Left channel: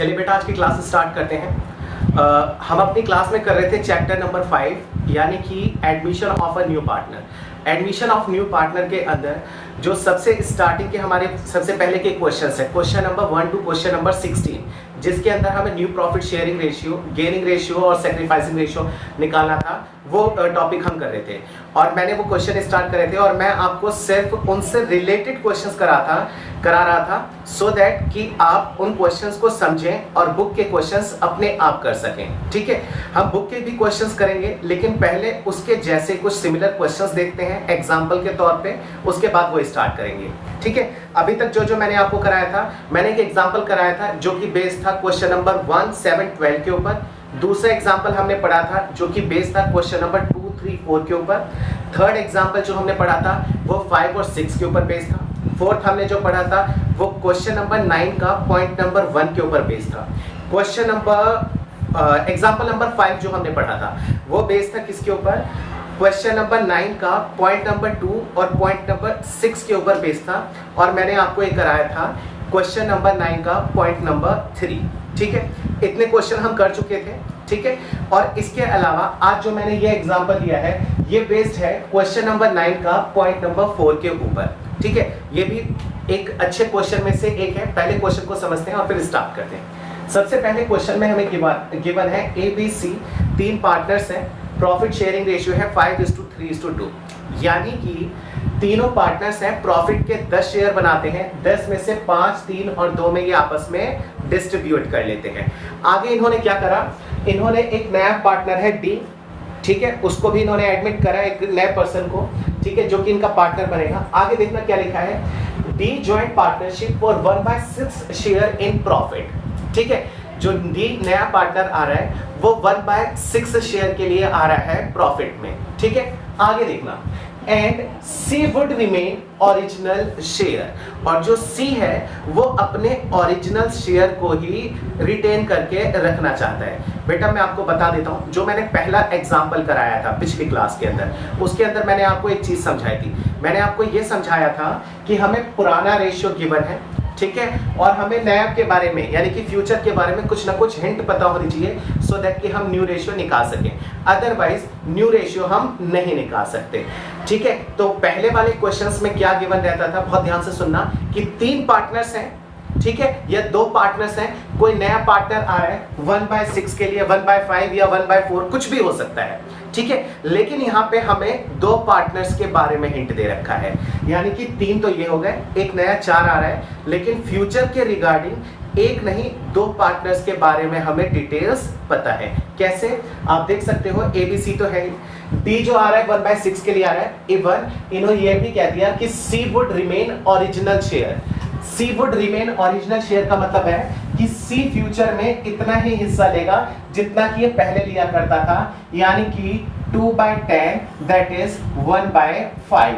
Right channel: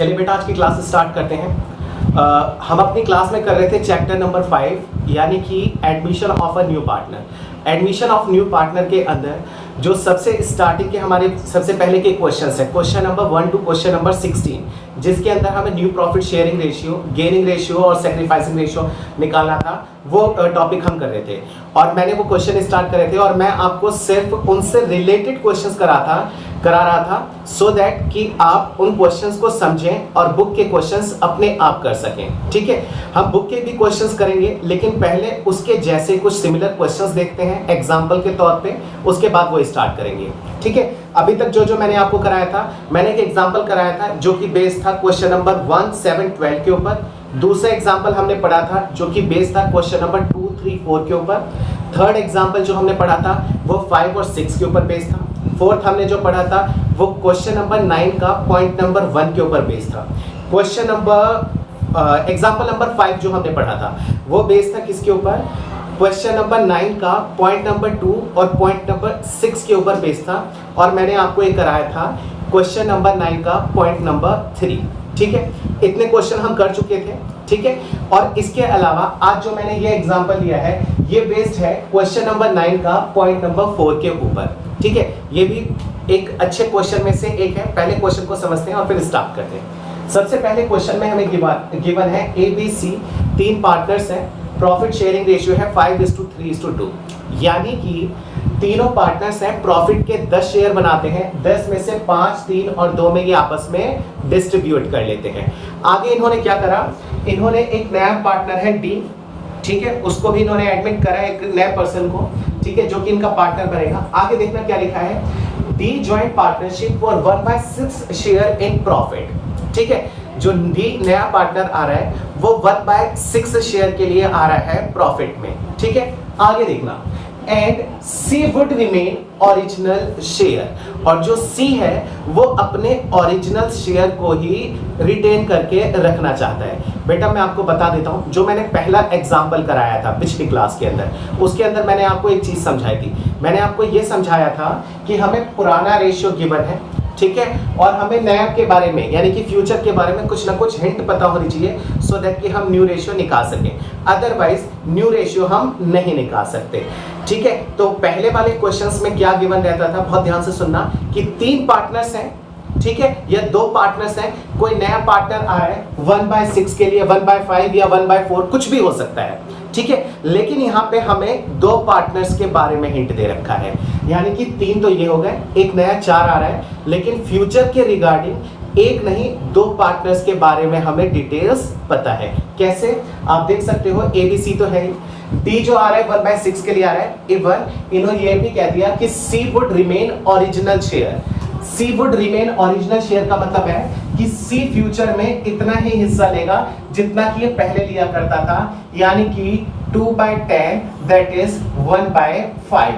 चलिए बेटा आज की क्लास स्टार्ट करते हैं। हम अपनी क्लास में कर रहे थे चैप्टर नंबर 5 यानी कि admission of a new partner. Admission of new partner के अंदर जो सबसे स्टार्टिंग के हमारे सबसे पहले के क्वेश्चंस है, question number 1 to question number 16, जिसके अंदर हमें new profit sharing ratio, gaining ratio और सेक्रीफाइसिंग रेशियो निकालना था, वो टॉपिक हम कर रहे थे और मैंने वो क्वेश्चन स्टार्ट करे थे और मैं आपको सिर्फ उनसे रिलेटेड क्वेश्चंस करा रहा था सो दैट कि आप उन क्वेश्चंस को समझें और बुक के क्वेश्चंस अपने आप कर सकें। ठीक है, हम बुक के भी क्वेश्चंस करेंगे लेकिन पहले उसके जैसे कुछ सिमिलर क्वेश्चंस देखते हैं एग्जांपल के तौर पे, उसके बाद वो स्टार्ट करेंगे। ठीक है, अभी तक जो मैंने आपको कराया था, मैंने एक एग्जांपल कराया था जो कि बेस्ड था क्वेश्चन नंबर 1, 7, 12 के ऊपर। दूसरा एग्जांपल हमने पढ़ा था जो कि बेस्ड था क्वेश्चन नंबर 2, 3, 4 के ऊपर। थर्ड एग्जांपल जो हमने पढ़ा था वो 5 और 6 के ऊपर बेस्ड था। फोर्थ हमने जो पढ़ा था वो क्वेश्चन नंबर 9 का पॉइंट नंबर 1 के ऊपर बेस्ड था। क्वेश्चन नंबर एग्जांपल नंबर 5 जो हमने पढ़ा था वो बेस्ड था किसके ऊपर? क्वेश्चन नंबर 9 का पॉइंट नंबर 2 और पॉइंट नंबर 6 के ऊपर बेस्ड था और मैंने आपको एक कराया था क्वेश्चन नंबर 9 का पॉइंट नंबर 3। ठीक है, इतने क्वेश्चन हम कर चुके थे। ठीक है, और इसके अलावा आज जो मैंने ये एग्जांपल लिया है ये बेस्ड है क्वेश्चन नंबर 9 का पॉइंट नंबर 4 के ऊपर। ठीक है, ये भी एक अच्छे क्वेश्चन में से एक है। पहले क्वेश्चन को समझते हैं और फिर स्टार्ट करते हैं। सबसे पहले क्वेश्चन में हमें गिवन है ABC, 3 पार्टनर्स हैं, प्रॉफिट शेयरिंग रेशियो है 5:3:2, यानी कि तीनों पार्टनर्स हैं, प्रॉफिट के 10 शेयर बनाते हैं, 10 में से 5, 3 और 2 में ये आपस में डिस्ट्रीब्यूट कर लेते हैं। आगे इन्होंने क्या करा, इन्होंने एक नया पार्टनर है D, ठीक है, उसको भी इन्होंने एडमिट करा एक नए पर्सन को, ठीक है, जो कि इनका पार्टनर बनेगा। आगे देखना क्या लिखा है, D joint partnership for 1/6 share in profit. ठीक है, जो डी नया पार्टनर आ रहा है वो 1/6 शेयर के लिए आ रहा है प्रॉफिट में। ठीक है, आगे देखना, and C would remain original share, और जो सी है वो अपने ओरिजिनल शेयर को ही रिटेन करके रखना चाहता है। बेटा मैं आपको बता देता हूं, जो मैंने पहला एग्जांपल कराया था पिछली क्लास के अंदर, उसके अंदर मैंने आपको एक चीज समझाई थी। मैंने आपको ये समझाया था कि हमें पुराना रेशियो गिवन है, ठीक है, और हमें नया के बारे में यानी कि फ्यूचर के बारे में कुछ ना कुछ हिंट पता होनी चाहिए सो दैट कि हम न्यू रेशियो निकाल सकें, अदरवाइज न्यू रेशियो हम नहीं निकाल सकते। ठीक है, तो पहले वाले क्वेश्चंस में क्या गिवन रहता था, बहुत ध्यान से सुनना, कि 3 पार्टनर्स हैं, ठीक है, या 2 पार्टनर्स हैं, कोई नया पार्टनर आ रहा है 1/6 के लिए, 1/5 या 1/4 कुछ भी हो सकता है। ठीक है, लेकिन यहाँ पे हमें 2 पार्टनर्स के बारे में हिंट दे रखा है, यानी कि 3 तो ये हो गए, एक नया 4 आ रहा है, लेकिन फ्यूचर के रिगार्डिंग एक नहीं 2 पार्टनर्स के बारे में हमें डिटेल्स पता है। कैसे आप देख सकते हो, ABC तो है ही, D जो आ रहा है 1/6 के लिए आ रहा है, इवन इन्होंने ये भी कह दिया कि C would remain original share. C would remain original share का मतलब है कि C फ्यूचर में इतना ही हिस्सा लेगा जितना कि ये पहले लिया करता था, यानी कि 2/10 दैट इज 1/5,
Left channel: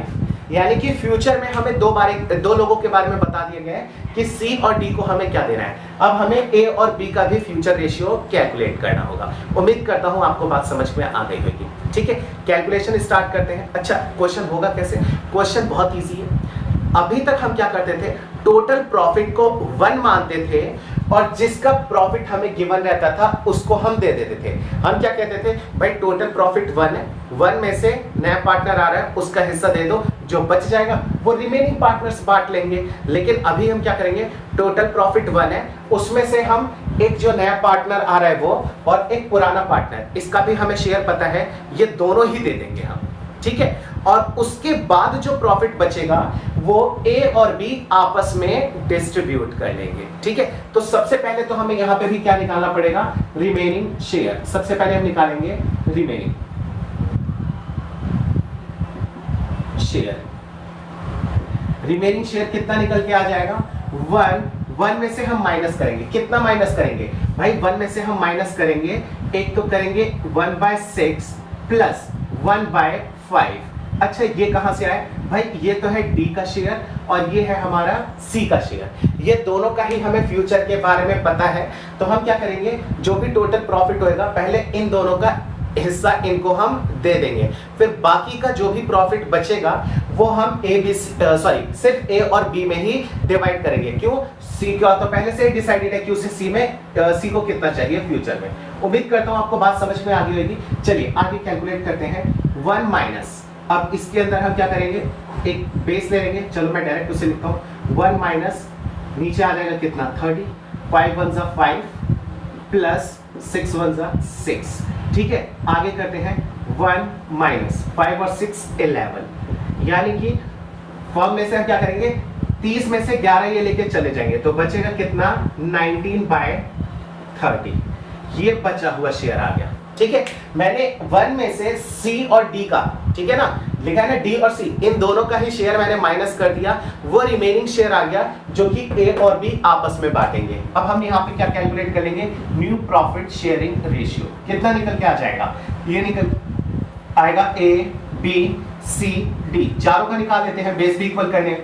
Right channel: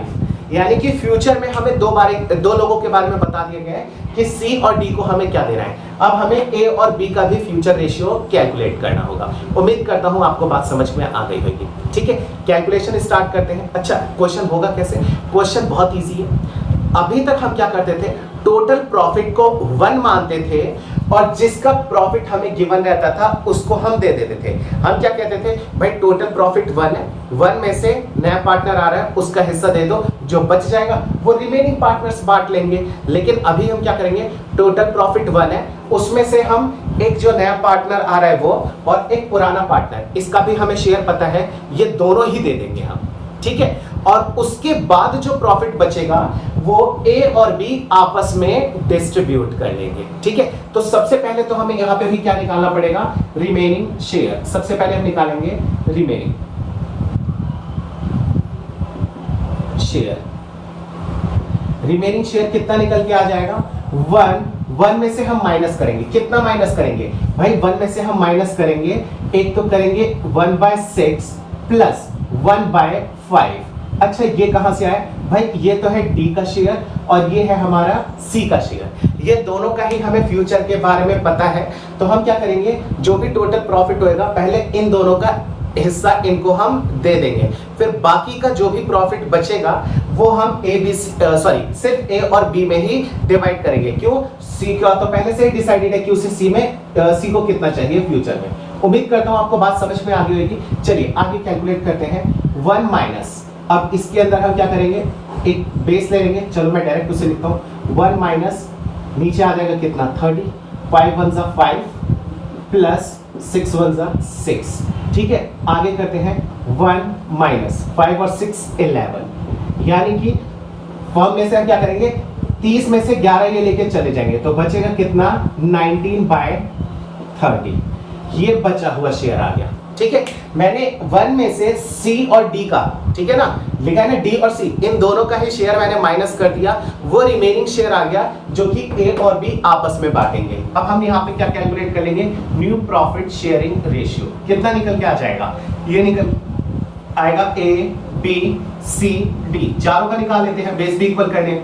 यानी कि फ्यूचर में हमें 2 लोगों के बारे में बता दिया गया है कि C और D को हमें क्या देना है। अब हमें A और B का भी फ्यूचर रेशियो कैलकुलेट करना होगा। उम्मीद करता हूं आपको बात समझ में आ गई होगी। ठीक है, कैलकुलेशन स्टार्ट करते हैं। अच्छा, क्वेश्चन होगा कैसे? क्वेश्चन बहुत ईजी है। अभी तक हम क्या करते थे, टोटल प्रॉफिट को 1 मानते थे और जिसका प्रॉफिट हमें गिवन रहता था उसको हम दे देते थे। हम क्या कहते थे, भाई टोटल प्रॉफिट 1 है, 1 में से नया पार्टनर आ रहा है उसका हिस्सा दे दो, जो बच जाएगा वो रिमेनिंग पार्टनर्स बांट लेंगे। लेकिन अभी हम क्या करेंगे, टोटल प्रॉफिट 1 है, उसमें से हम एक जो नया पार्टनर आ रहा है वो और एक पुराना पार्टनर, इसका भी हमें शेयर पता है, ये दोनों ही दे देंगे हम। ठीक है, और उसके बाद जो प्रॉफिट बचेगा वो A और B आपस में डिस्ट्रीब्यूट कर लेंगे। ठीक है, तो सबसे पहले तो हमें यहां पे भी क्या निकालना पड़ेगा, रिमेनिंग शेयर। सबसे पहले हम निकालेंगे रिमेनिंग शेयर। रिमेनिंग शेयर कितना निकल के आ जाएगा, 1 में से हम माइनस करेंगे। कितना माइनस करेंगे भाई, 1 में से हम माइनस करेंगे, एक तो करेंगे 1/6 प्लस 1/5। अच्छा, ये कहां से आया भाई, ये तो है D का शेयर और ये है हमारा C का शेयर। ये दोनों का ही हमें फ्यूचर के बारे में पता है, तो हम क्या करेंगे, जो भी टोटल प्रॉफिट होएगा पहले इन दोनों का हिस्सा इनको हम दे देंगे। फिर बाकी का जो भी प्रॉफिट बचेगा वो हम सिर्फ ए और बी में ही डिवाइड करेंगे। क्यों? सी का तो पहले से डिसाइडेड है कि उसे सी को कितना चाहिए फ्यूचर में। उम्मीद करता हूं आपको बात समझ में आ गई होगी। चलिए आगे कैलकुलेट करते हैं। 1 माइनस, अब इसके अंदर हम क्या करेंगे, एक बेस ले लेंगे। चलो मैं डायरेक्ट उसे लिखता हूं। 1 माइनस नीचे आ जाएगा कितना, 30, 5 1 जा 5 प्लस 6 1 जा 6। ठीक है, आगे करते हैं 1 माइनस 5 और 6 11, यानी कि फॉर्म में से हम क्या करेंगे, 30 में से 11 ये लेके चले जाएंगे तो बचेगा कितना, 19/30। ये बचा हुआ शेयर आ गया। ठीक है, मैंने 1 में से सी और डी का, ठीक है ना, लिखा है ना, डी और सी, इन दोनों का ही शेयर मैंने माइनस कर दिया। वो रिमेनिंग शेयर आ गया जो कि ए और बी आपस में बांटेंगे। अब हम यहाँ पे क्या कैलकुलेट कर लेंगे, न्यू प्रॉफिट शेयरिंग रेशियो। कितना निकल के आ जाएगा, ये निकल आएगा ए बी सी डी, चारों का निकाल लेते हैं बेस भी इक्वल करने।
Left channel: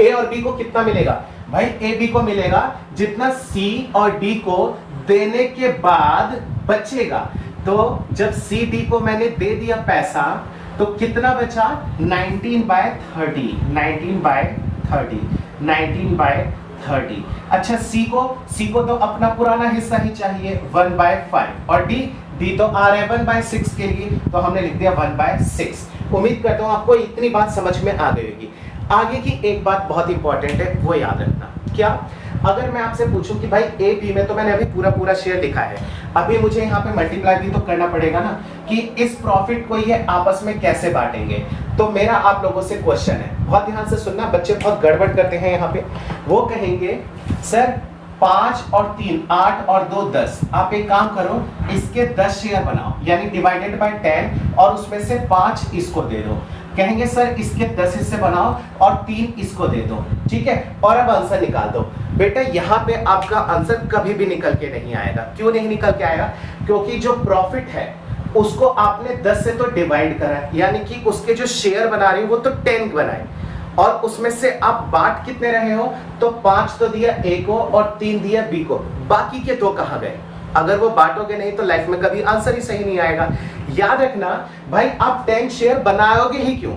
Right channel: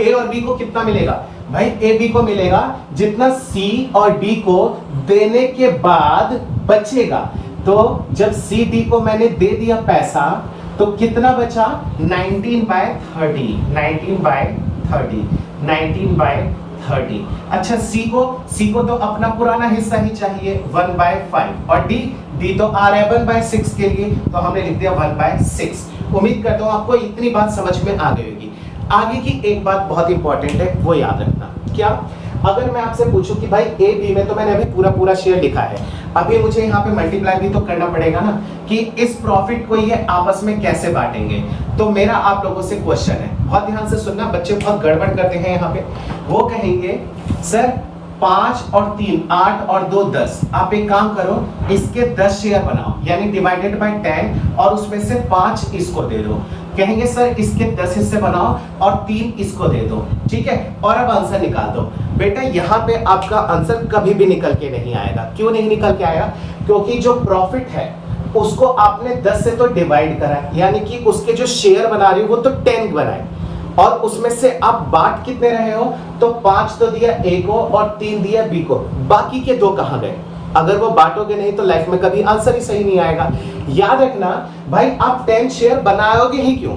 ए और बी को कितना मिलेगा भाई, ए बी को मिलेगा जितना सी और डी को देने के बाद बचेगा। तो जब सी डी को मैंने दे दिया पैसा तो कितना बचा, 19/30, 19/30। अच्छा सी को तो अपना पुराना हिस्सा ही चाहिए 1/5, और डी तो आ रहा है 1/6 के लिए, तो हमने लिख दिया 1/6। उम्मीद करता हूं आपको इतनी बात समझ में आ गई होगी। आगे की एक बात बहुत इंपॉर्टेंट है, वो याद रखना। क्या? अगर मैं आपसे पूछूं कि भाई ए बी में तो मैंने अभी पूरा शेयर लिखा है, अभी मुझे यहाँ पे मल्टीप्लाई भी तो करना पड़ेगा ना कि इस प्रॉफिट को ये आपस में कैसे बांटेंगे। तो मेरा आप लोगों से क्वेश्चन है, बहुत ध्यान से सुनना, बच्चे बहुत गड़बड़ करते हैं यहाँ पे। वो कहेंगे सर 5 और 3 8 और 2 10, आप एक काम करो इसके 10 शेयर बनाओ, यानी डिवाइडेड बाय 10, और उसमें से 5 इसको दे दो। कहेंगे सर इसके 10 हिस्से बनाओ और 3 इसको दे दो। ठीक है, और अब आंसर निकाल दो। बेटा यहाँ पे आपका आंसर कभी भी निकल के नहीं आएगा। क्यों नहीं निकल के आएगा? क्योंकि जो प्रॉफिट है उसको आपने 10 से तो डिवाइड करा, यानी कि उसके जो शेयर बना रही हो वो तो 10 बनाए, और उसमें से आप बांट कितने रहे हो, तो 5 तो दिया ए को और 3 दिया बी को, बाकी के 2 कहां गए? अगर वो बांटोगे नहीं तो लाइफ में कभी आंसर ही सही नहीं आएगा। याद रखना भाई, आप 10 शेयर बनाओगे ही क्यों?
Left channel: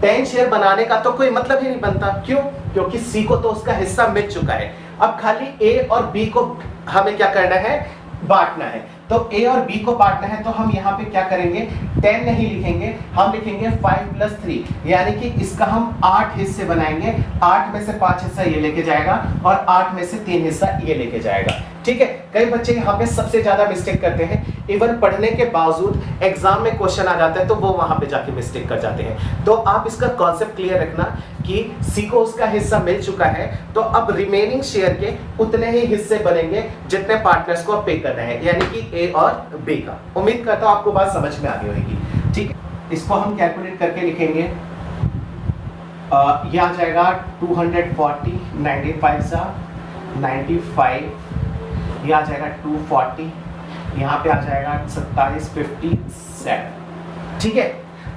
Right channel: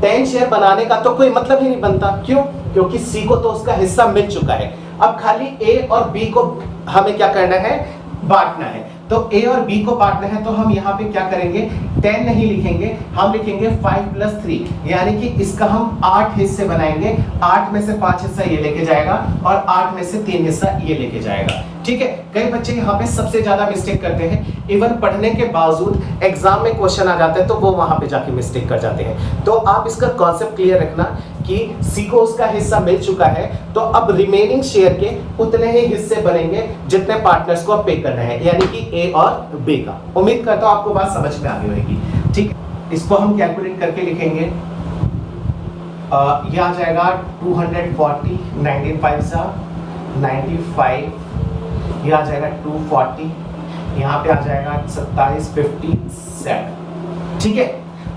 10 शेयर बनाने का तो कोई मतलब ही नहीं बनता। क्यों? क्योंकि सी को तो उसका हिस्सा मिल चुका है। अब खाली ए और बी को हमें क्या करना है, बांटना है। तो ए और बी को बांटना है तो हम यहाँ पे क्या करेंगे, 10 नहीं लिखेंगे, हम लिखेंगे 5 + 3, यानी कि इसका हम 8 हिस्से बनाएंगे। 8 में से 5 हिस्सा ये लेके जाएगा और 8 में से 3 हिस्सा ये लेके जाएगा। ठीक है, कई बच्चे यहाँ पे सबसे ज्यादा मिस्टेक करते हैं, इवन पढ़ने के बावजूद एग्जाम में क्वेश्चन आ जाता है तो वो वहां पे जाके मिस्टेक कर जाते हैं। तो आप इसका कॉन्सेप्ट क्लियर रखना कि सी को उसका हिस्सा मिल चुका है, तो अब रिमेनिंग शेयर के उतने ही हिस्से बनेंगे जितने पार्टनर्स को पे करना है, यानी कि ए और बी का। उम्मीद करता हूं आपको बात समझ में आ गई होगी। ठीक, इसको हम कैलकुलेट करके लिखेंगे। यह आ जाएगा 240, 19 पैसा 95, यह आ जाएगा 240, यहाँ पे आ जाएगा 27 57। ठीक है,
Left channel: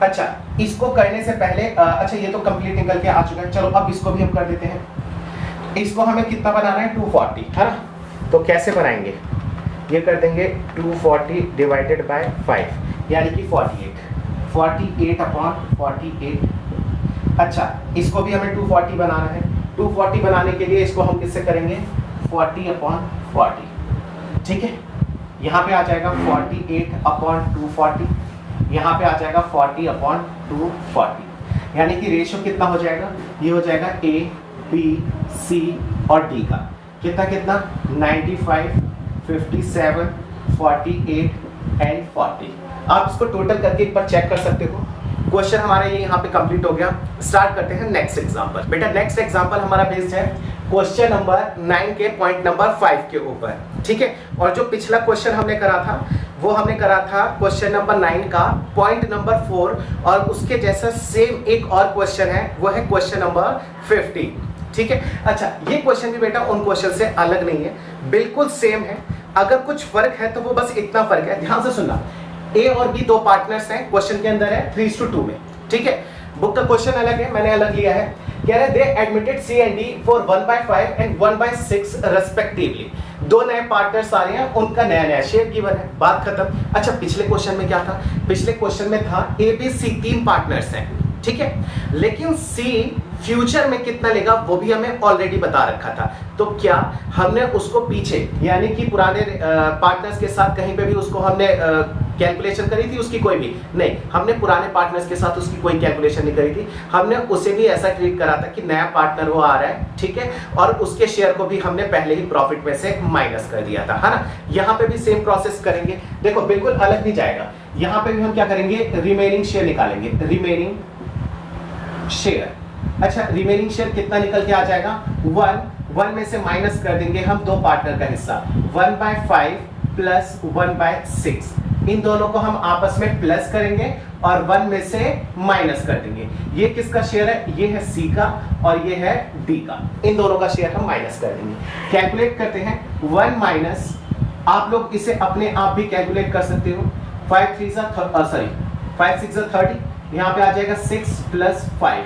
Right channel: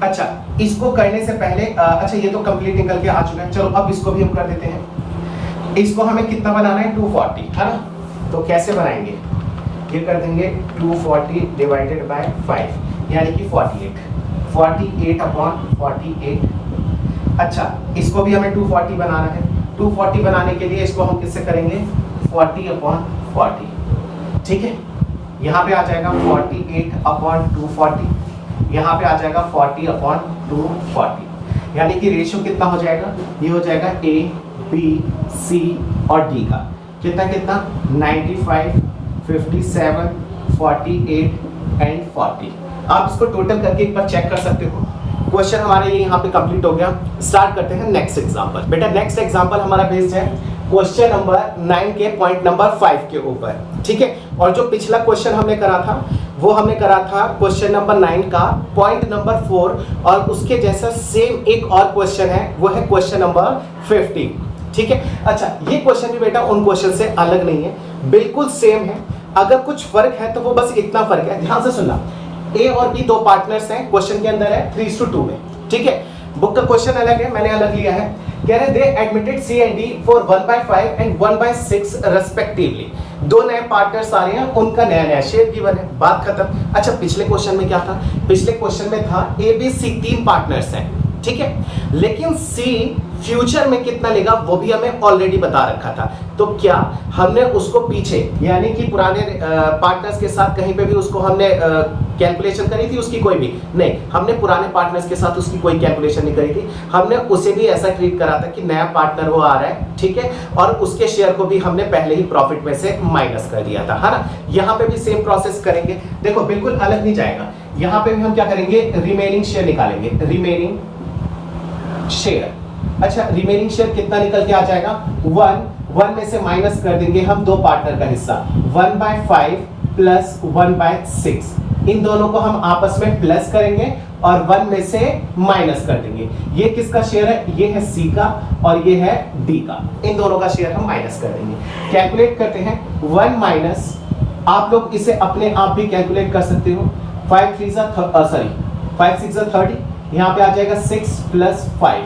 अच्छा इसको करने से पहले अच्छा ये तो कंप्लीट निकल के आ चुका है। चलो अब इसको भी हम कर देते हैं। इसको हमें कितना बनाना है, 240 है ना। तो कैसे बनाएंगे, ये कर देंगे 240 डिवाइडेड बाय 5, यानी कि 48/48। अच्छा इसको भी हमें 240 बनाना है। 240 बनाने के लिए इसको हम किससे करेंगे, 40/40। ठीक है, यहाँ पे आ जाएगा 48/240, यहाँ पे आ जाएगा 40/240, यानी कि रेशियो कितना हो जाएगा, ये हो जाएगा ए बी सी और डी का कितना 95 57 48 एंड 40। आप इसको टोटल करके एक बार चेक कर सकते हो। क्वेश्चन हमारा ये यहाँ पे कंप्लीट हो गया। स्टार्ट करते हैं नेक्स्ट एग्जांपल। बेटा नेक्स्ट एग्जांपल हमारा बेस्ड है क्वेश्चन नंबर 9 के पॉइंट नंबर 5 के ऊपर। ठीक है, और जो पिछला क्वेश्चन हमने करा था वो हमने करा था क्वेश्चन नंबर 9 का पॉइंट नंबर 4, और उसके जैसा सेम एक और क्वेश्चन है, वो है क्वेश्चन नंबर 15। ठीक है, अच्छा ये क्वेश्चन भी बेटा उन क्वेश्चन से अलग नहीं है, बिल्कुल सेम है। अगर कुछ फर्क है तो वो बस इतना फर्क है, ध्यान से सुनना। ए और बी 2 पार्टनर्स हैं, क्वेश्चन के अंदर है 3:2 में। ठीक है, बुक का क्वेश्चन अलग है, मैंने अलग लिया है। कह रहे they admitted C and D for 1/5 and 1/6 respectively. दो नए पार्टनर्स आ रहे हैं, उनका नया नया शेयर गिवन है, बात खत्म। अच्छा, पिछले क्वेश्चन में क्या था? पिछले क्वेश्चन में था ए बी सी तीन पार्टनर्स हैं, ठीक है, लेकिन सी फ्यूचर में कितना लेगा वो भी हमें ऑलरेडी बता रखा था। तो क्या हमने उसको पीछे यानी कि पुराने पार्टनर्स के साथ कहीं पे भी उसको हमने कैलकुलेशन करी थी उसकी? कोई भी नहीं, हमने पुराने पार्टनर्स के साथ उसकी कोई कैलकुलेशन नहीं करी थी। हमने उसे भी ऐसा ट्रीट करा था कि नया पार्टनर वो आ रहा है, ठीक है, और उसके शेयर को भी हमने पहले ही प्रॉफिट में से माइनस कर दिया था, है ना। यहाँ पे भी सेम प्रोसेस करेंगे, देखो बिल्कुल अलग नहीं जाएगा। यहाँ पे भी हम क्या करेंगे? रिमेनिंग शेयर निकालेंगे, रिमेनिंग शेयर। अच्छा, रिमेनिंग शेयर कितना निकल के आ जाएगा? 1 में से माइनस कर देंगे हम दो पार्टनर का हिस्सा, 1/5 प्लस 1/6। इन दोनों को हम आपस में प्लस करेंगे और 1 में से माइनस कर देंगे। ये किसका शेयर है? ये है सी का और ये है डी का। इन दोनों का शेयर हम माइनस कर देंगे। कैलकुलेट करते हैं 1 माइनस, आप लोग इसे अपने आप भी कैलकुलेट कर सकते हो। 5 6 30, यहाँ पे आ जाएगा 6 प्लस 5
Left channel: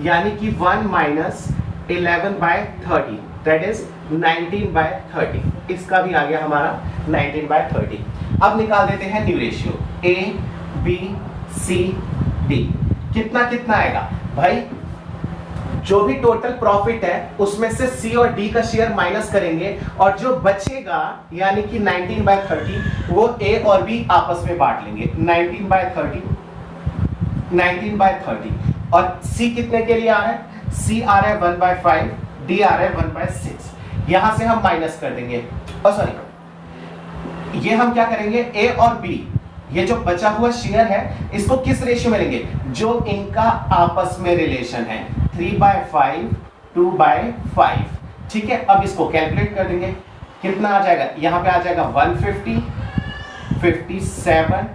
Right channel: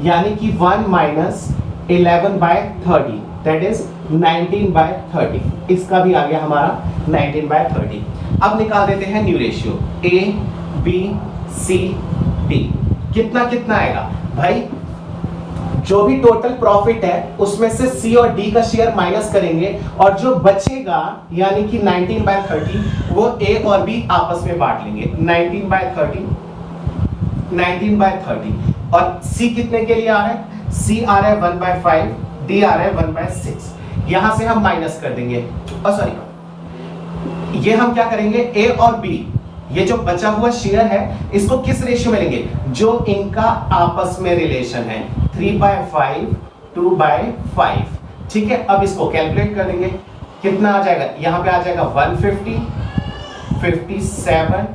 यानी कि 1 माइनस 11/30 दैट इज 19/30। इसका भी आ गया हमारा 19/30। अब निकाल देते हैं new ratio A B C D. कितना कितना आएगा भाई? जो भी टोटल प्रॉफिट है उसमें से सी और डी का शेयर माइनस करेंगे और जो बचेगा यानी कि 19/30 वो ए और बी आपस में बांट लेंगे। 19/30 और सी कितने के लिए आ रहा है? सी आ रहा है 1/5, डी आ रहा है 1/6। यहां से हम माइनस कर देंगे, सॉरी, ये हम क्या करेंगे? ए और बी, ये जो बचा हुआ शेयर है इसको किस रेशियो में लेंगे? जो इनका आपस में रिलेशन है, 3/5 2/5, ठीक है। अब इसको कैलकुलेट कर देंगे, कितना आ जाएगा? यहां पे आ जाएगा 150 57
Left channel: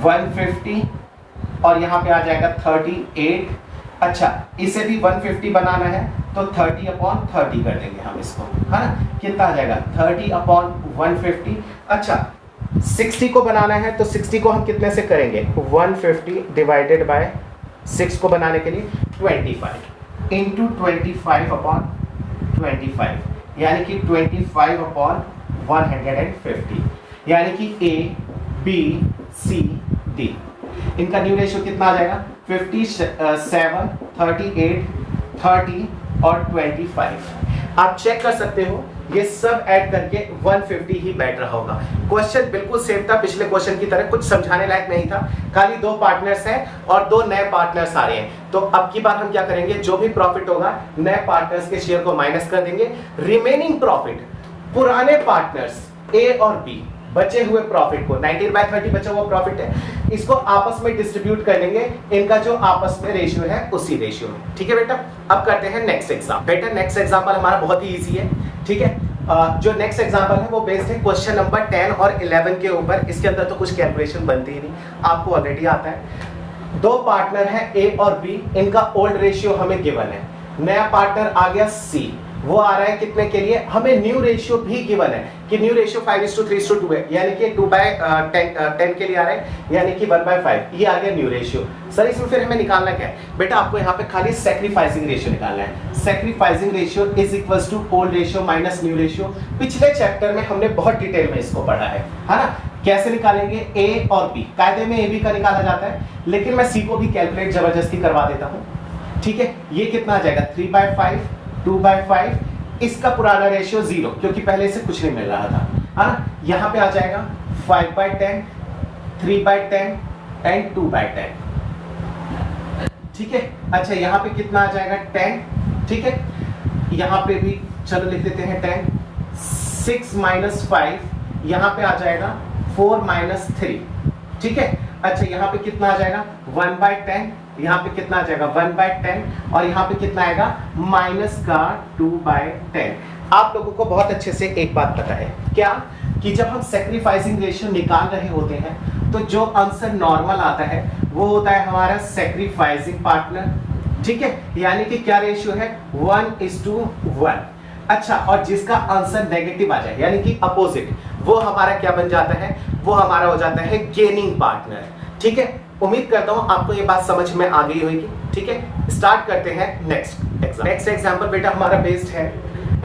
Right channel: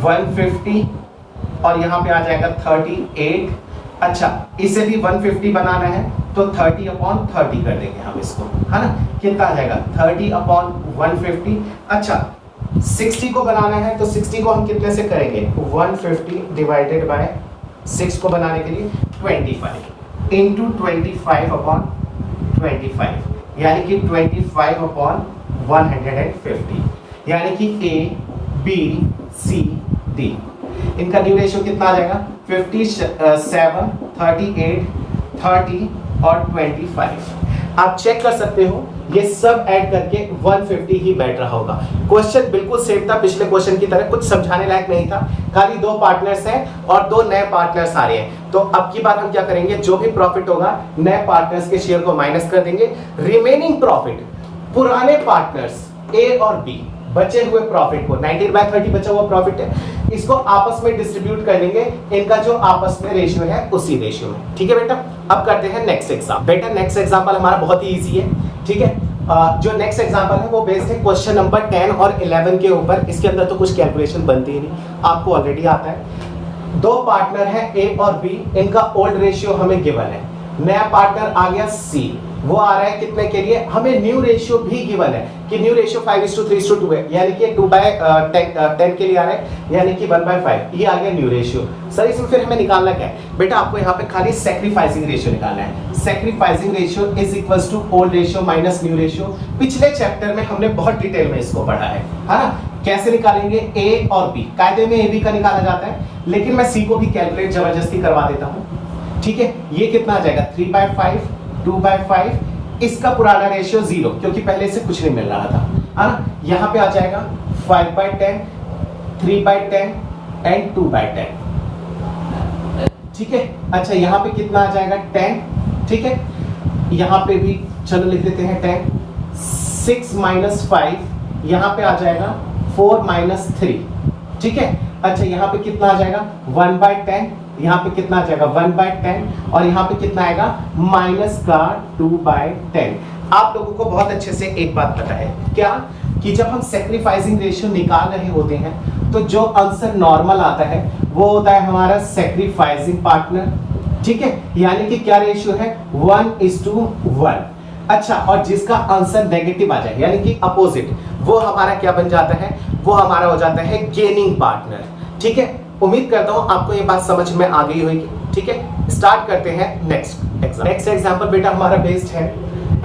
150 और यहां पे आ जाएगा 38। अच्छा, इसे भी 150 बनाना है तो 30/30 कर देंगे हम इसको, है ना। कितना आ जाएगा? 30/150। अच्छा, 60 को बनाना है तो 60 को हम कितने से करेंगे? 150 डिवाइडेड बाय 6 को बनाने के लिए 25 इंटू 25/25 यानी कि 25/150 यानी कि ए बी सी डी। इनका न्यू रेशियो कितना आ जाएगा? 57 38 30 और 25। आप चेक कर सकते हो, ये सब ऐड करके 150 ही बैठ रहा होगा। क्वेश्चन बिल्कुल सेम था पिछले क्वेश्चन की तरह, कुछ समझाने लायक नहीं था, खाली दो पार्टनर्स हैं और दो नए पार्टनर्स आ रहे हैं। तो अब की बार हम क्या करेंगे? जो भी प्रॉफिट होगा नए पार्टनर्स के शेयर को माइनस कर देंगे, रिमेनिंग प्रॉफिट पुराने पार्टनर्स ए और बी बचे हुए प्रॉफिट को, 19/30 बचा हुआ प्रॉफिट है, इसको आपस में डिस्ट्रीब्यूट कर लेंगे, इनका जो आपस में रेशियो है उसी रेशियो में, ठीक है बेटा। अब करते हैं नेक्स्ट एग्जाम। बेटा नेक्स्ट एग्जाम्पल हमारा बहुत ही इजी है, ठीक है। जो नेक्स्ट एग्जाम्पल है वो बेस्ड है क्वेश्चन नंबर 10 और 11 के ऊपर। इसके अंदर तो कुछ कैलकुलेशन बनती ही नहीं, आपको ऑलरेडी आता है। दो पार्टनर है ए और बी, इनका ओल्ड रेशियो हमें गिवन है। नया पार्टनर आ गया सी, वो आ रहा है कितने के लिए? हमें न्यू रेशियो भी गिवन है कि न्यू रेशियो 5:3:2 है, यानी कि 2/10 के लिए आ रहा है, यानी कि 1/5। ये आ गया न्यू रेशियो। सर इसमें फिर हमें निकालना क्या है? बेटा आपको यहाँ पे खाली सैक्रिफाइसिंग रेशियो निकालना है। Sacrificing ratio is equals to old ratio minus new ratio. पिछले चैप्टर में हमने बहुत डिटेल में इसको पढ़ा है ना। कैसे निकालेंगे? ए और बी, कायदे में ए बी का निकाला जाता है, लेकिन मैं सी को भी कैलकुलेट जबरदस्ती करवा देता हूँ, ठीक है। ये कितना आ जाएगा? 3/5 2/5, इसका पुराना रेशियो 0 क्योंकि पहले से कुछ नहीं मिल रहा था, है ना। यहां पे आ जाएगा 5/10 3/10 एंड 2/10, ठीक है। अच्छा, यहां पे कितना आ जाएगा? 10, ठीक है। यहां पे भी चलो लिख देते हैं 10। 6 - 5 यहां पे आ जाएगा 4 - 3, ठीक है। अच्छा, यहां पे कितना आ जाएगा? 1/10, यहाँ पे कितना आ जाएगा? 1/10 और यहाँ पे कितना आएगा? माइनस का 2/10। आप लोगों को बहुत अच्छे से एक बात पता है क्या, कि जब हम सैक्रिफाइसिंग रेशियो निकाल रहे होते हैं तो जो आंसर नॉर्मल आता है वो होता है हमारा सैक्रिफाइसिंग पार्टनर, ठीक है। यानी कि क्या रेशियो है? 1:1। अच्छा, और जिसका आंसर नेगेटिव आ जाए यानी कि अपोजिट, वो हमारा क्या बन जाता है? वो हमारा हो जाता है गेनिंग पार्टनर, ठीक है। उम्मीद करता हूं आपको ये बात समझ में आ गई होगी। ठीक है, स्टार्ट करते हैं नेक्स्ट एग्जाम्पल बेटा हमारा बेस्ड है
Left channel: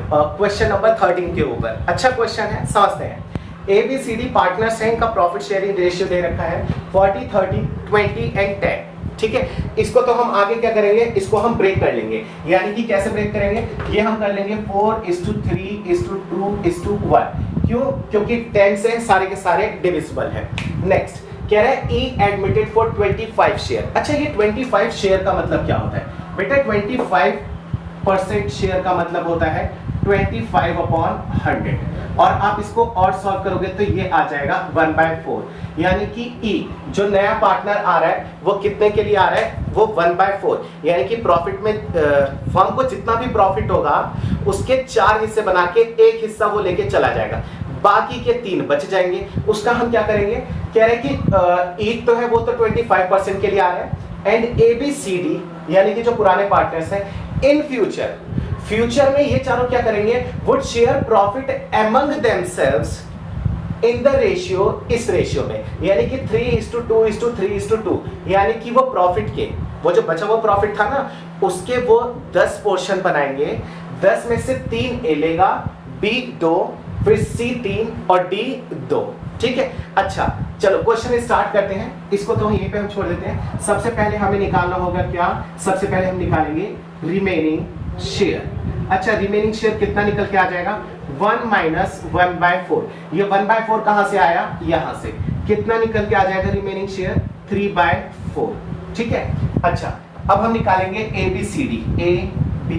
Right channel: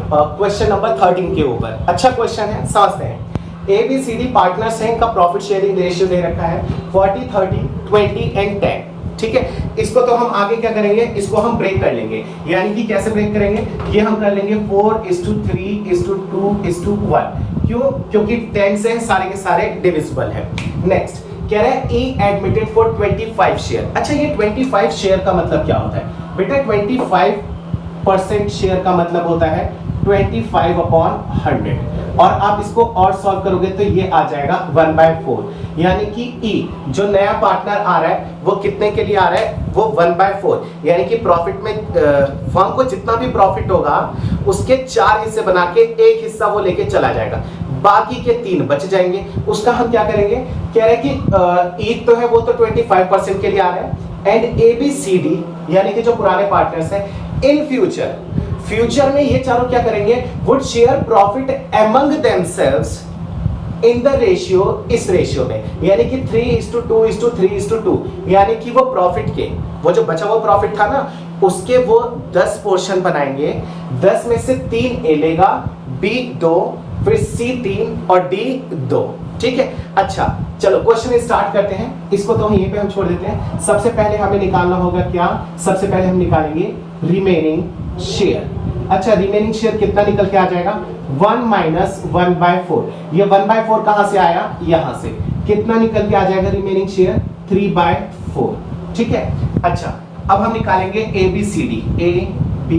क्वेश्चन नंबर 13 के ऊपर। अच्छा क्वेश्चन है, समझते हैं। ABCD पार्टनर्स हैं, इनका प्रॉफिट शेयरिंग रेशियो दे रखा है 40 30 20 एंड 10। ठीक है, इसको तो हम आगे क्या करेंगे, इसको हम ब्रेक कर लेंगे। यानी कि कैसे ब्रेक करेंगे, ये हम कर लेंगे 4:3:2:1। क्यों? क्योंकि 10 से सारे के सारे डिविजिबल है। नेक्स्ट कह रहा है E एडमिटेड फॉर 25 शेयर। अच्छा, ये 25 शेयर का मतलब क्या होता है बेटा? 25% शेयर का मतलब होता है 25/100। और आप इसको और सॉल्व करोगे तो ये आ जाएगा 1/4। यानी कि E जो नया पार्टनर आ रहा है वो कितने के लिए आ रहा है, वो 1/4। यानी कि प्रॉफिट में फर्म को जितना भी प्रॉफिट होगा उसके 4 हिस्से बना के एक हिस्सा वो लेके चला जाएगा, बाकी के 3 बच जाएंगे। उसका हम क्या करेंगे, कह रहे हैं कि E तो है वो तो 25% के लिए आ रहा है, एंड ABCD यानी कि जो पुराने पार्टनर्स हैं, इन फ्यूचर में ये चारों क्या करेंगे, would share profit among themselves in the ratio, इस रेशियो में, यानी कि 3:2:3:2। यानी कि वो प्रॉफिट के, वो जो बचा हुआ प्रॉफिट था ना, उसके वो 10 पोर्शन बनाएंगे। 10 में से 3 ए लेगा, B 2, फिर C 3 और D 2। ठीक है, अच्छा चलो क्वेश्चन स्टार्ट करते हैं। इसको तो यहीं पे हम छोड़ देते हैं। सबसे पहले हमें निकालना होगा क्या, सबसे पहले हम निकालेंगे रिमेनिंग शेयर। अच्छा, रिमेनिंग शेयर कितना निकल के आ जाएगा, 1 - 1/4। ये 1/4 कहां से आया, यहां से। कितना निकल के आ जाएगा रिमेनिंग शेयर, 3/4। ठीक है, अच्छा अब हम निकालेंगे ABCD, A B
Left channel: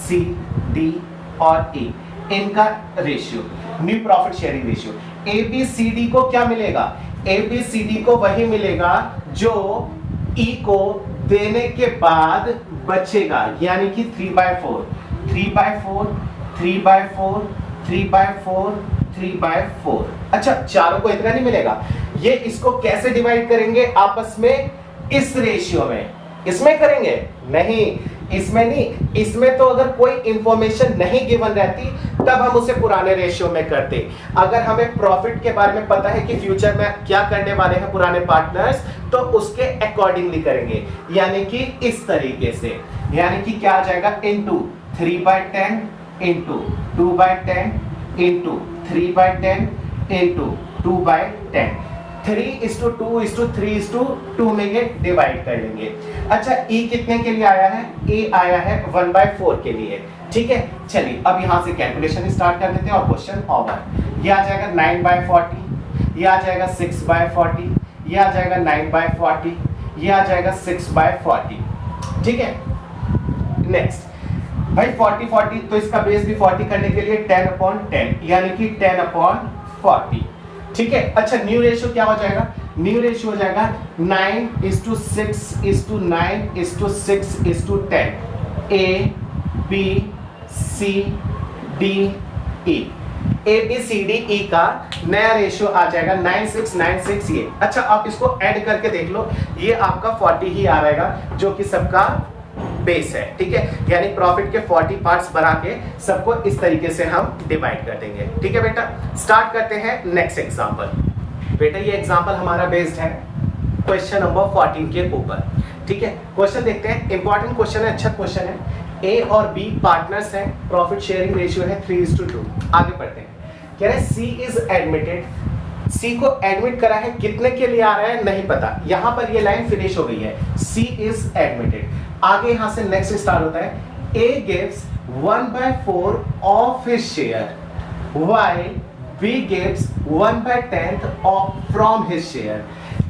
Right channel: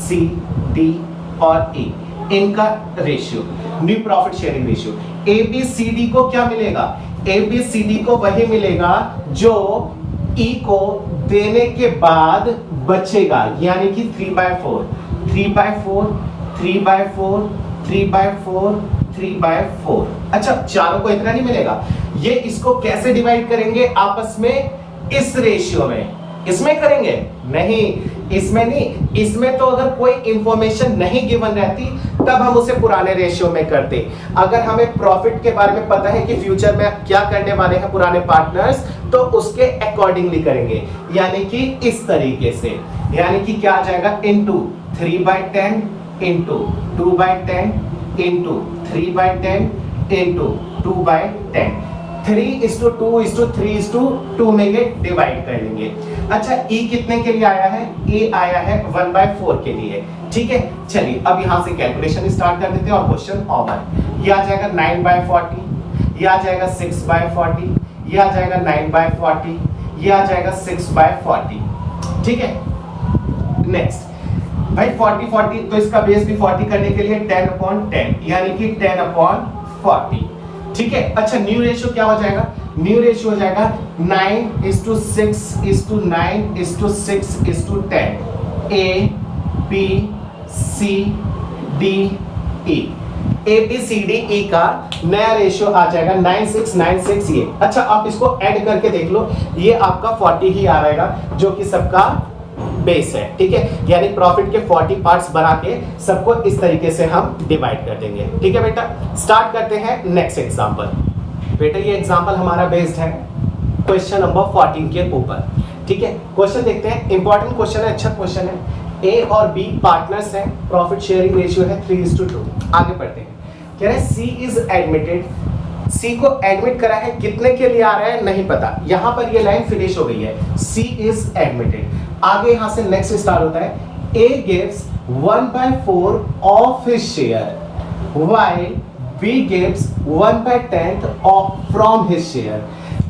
C D और E, इनका ratio, new profit sharing ratio. ABCD को क्या मिलेगा, ABCD को वही मिलेगा जो E को देने के बाद बचेगा, यानी कि 3/4 3/4 3/4 3/4 3/4। अच्छा, चारों को इतना नहीं मिलेगा, ये इसको कैसे डिवाइड करेंगे आपस में, इस रेशियो में। इसमें करेंगे नहीं, इसमें नहीं। इसमें तो अगर कोई इंफॉर्मेशन नहीं गिवन रहती तब हम उसे पुराने रेशियो में करते। अगर हमें प्रॉफिट के बारे में पता है कि फ्यूचर में क्या करने वाले हैं पुराने पार्टनर्स, तो उसके अकॉर्डिंगली करेंगे, यानी कि इस तरीके से। यानी कि क्या आ जाएगा, इनटू 3/10 इनटू 2/10 इनटू 3/10 इनटू 2/10। 3:2:3:2 में ये डिवाइड कर लेंगे। अच्छा, E कितने के लिए आया है, E आया है 1/4 के लिए। ठीक है, चलिए अब यहां से कैलकुलेशन स्टार्ट कर देते हैं और क्वेश्चन ओवर। ये आ जाएगा 9/40, ये आ जाएगा 6/40, ये आ जाएगा 9/40, ये आ जाएगा 6/40। ठीक है, नेक्स्ट भाई 40 तो इसका बेस भी 40 करने के लिए 10/10 यानी कि 10/40। ठीक है, अच्छा न्यू रेशियो क्या हो जाएगा, न्यू रेशियो हो जाएगा 9:6:9:6:10। A B C D E, ABCDE का नया रेशियो आ जाएगा 9696 ये। अच्छा, आप इसको ऐड करके देख लो, ये आपका 40 ही आ रहेगा जो कि सबका बेस है। ठीक है, यानी प्रॉफिट के 40 पार्ट्स बना के सबको इस तरीके से हम डिवाइड कर देंगे। ठीक है बेटा, स्टार्ट करते हैं नेक्स्ट एग्जांपल। बेटा ये एग्जांपल हमारा बेस्ड है क्वेश्चन नंबर 14 के ऊपर। ठीक है, क्वेश्चन देखते हैं, इंपॉर्टेंट क्वेश्चन है, अच्छा क्वेश्चन है। A और B पार्टनर्स हैं, प्रॉफिट शेयरिंग रेशियो है 3:2। आगे पढ़ते हैं, कह रहे हैं C इज एडमिटेड, C को एडमिट करा है, कितने के लिए आ रहा है नहीं पता। यहां पर ये लाइन फिनिश हो गई है, C इज एडमिटेड। आगे यहां से नेक्स्ट स्टार्ट होता है, A gives 1/4 of his share while B gives 1/10 from his share।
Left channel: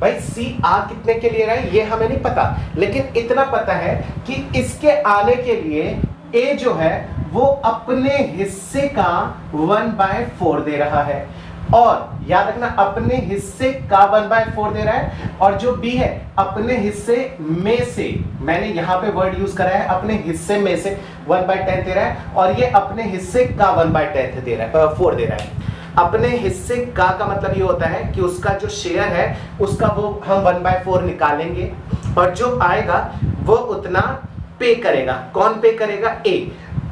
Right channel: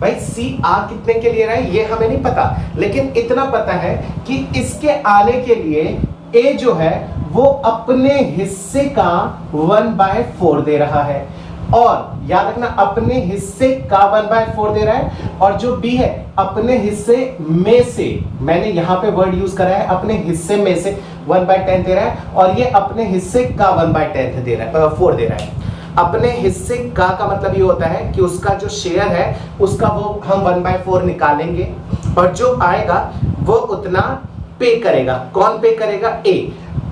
भाई C आ कितने के लिए रहा है ये हमें नहीं पता, लेकिन इतना पता है कि इसके आने के लिए A जो है वो अपने हिस्से का 1/4 दे रहा है, और याद रखना अपने हिस्से का 1/4 दे रहा है, और जो B है अपने हिस्से में से, मैंने यहां पे वर्ड यूज करा है, अपने हिस्से में से 1/10 दे रहा है, और ये अपने हिस्से का 1/10 दे रहा है, 4 दे रहा है। अपने हिस्से का मतलब ये होता है कि उसका जो शेयर है उसका वो हम 1/4 निकालेंगे, और जो आएगा वो उतना पे करेगा। कौन पे करेगा? A।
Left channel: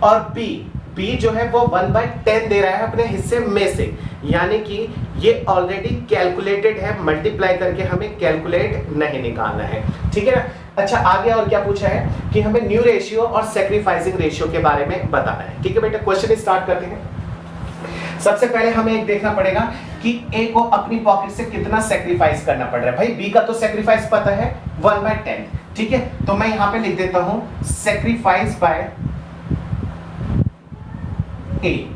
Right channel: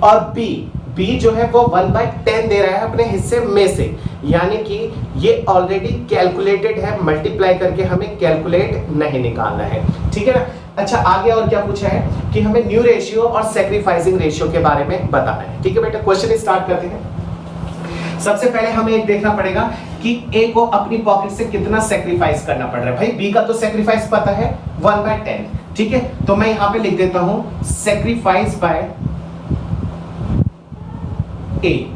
और B बी जो है वो 1/10 दे रहा है अपने हिस्से में से, यानी कि ये ऑलरेडी कैलकुलेटेड है, मल्टीप्लाई करके हमें कैलकुलेट नहीं निकालना है, ठीक है ना। अच्छा आगे और क्या पूछा है कि हमें न्यू रेशियो और सैक्रिफाइसिंग रेशियो के बारे में बताना है, ठीक है बेटा। क्वेश्चन स्टार्ट करते हैं। सबसे पहले हमें एक देखना पड़ेगा कि ए को अपनी पॉकेट से कितना सैक्रिफाइस करना पड़ रहा है। भाई बी का तो सैक्रिफाइस पता है 1/10, ठीक है, तो मैं यहां पे लिख देता हूं sacrifice by A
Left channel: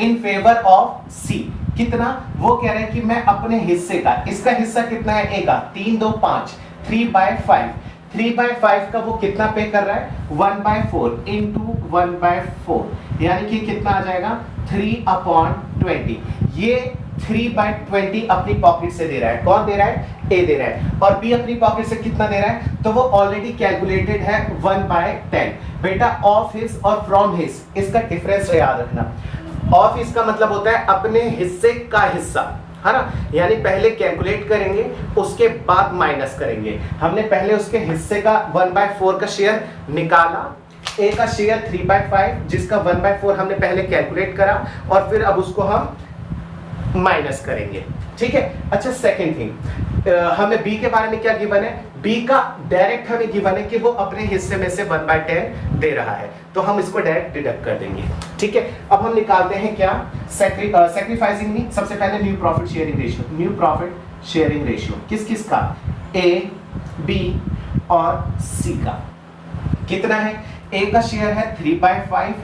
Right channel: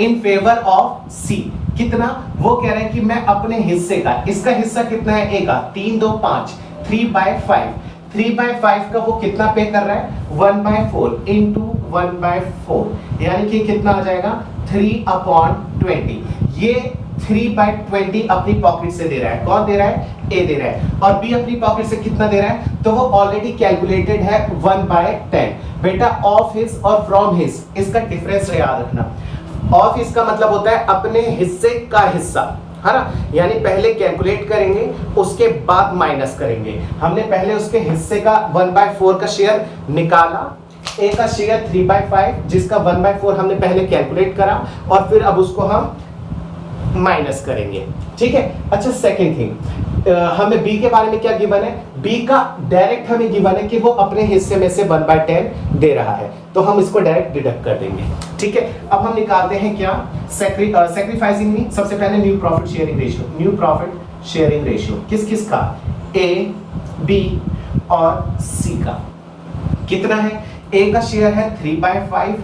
in favour of C. कितना, वो कह रहे हैं कि मैं अपने हिस्से का, इसका हिस्सा कितना है ए का, 3 2 5, 3/5, 3/5 का वो कितना पे कर रहा है 1/4 इंटू 1/4, यानी कि कितना आ जाएगा 3/20। ये 3/20 अपनी पॉकेट से दे रहा है। कौन दे रहा है, ए दे रहा है। और बी अपनी पॉकेट से कितना दे रहा है, तो वो ऑलरेडी कैलकुलेटेड है 1/10। बेटा ऑफ हिज और फ्रॉम हिज, इसका डिफरेंस याद रखना। ऑफ हिज का मतलब होता है अपने हिस्से का हिस्सा, है ना, यानी पहले कैलकुलेट करेंगे उसके बाद माइनस करेंगे। हमने पहले उसके हिस्से का 1/4 का शेयर निकाला, ए का शेयर 3/5 जिसका 1/4 हमने पहले कैलकुलेट करा, और फिर अब उसको हम माइनस करेंगे, ठीक है। अच्छा सेकंड थिंग, हमें बी के बारे में क्या गिवन है, बी का डायरेक्ट हमें गिवन है कि वो अपने हिस्से में से 1/10 दे रहा है, तो हम इसको डायरेक्ट डिडक्ट कर देंगे, ठीक है। अब हम निकालते हैं क्या, सैक्रिफाइसिंग में सबसे पहले new profit sharing ratio. New profit sharing ratio किस किस का, ए बी और सी का। कितना है, ए का शेयर है 3/5,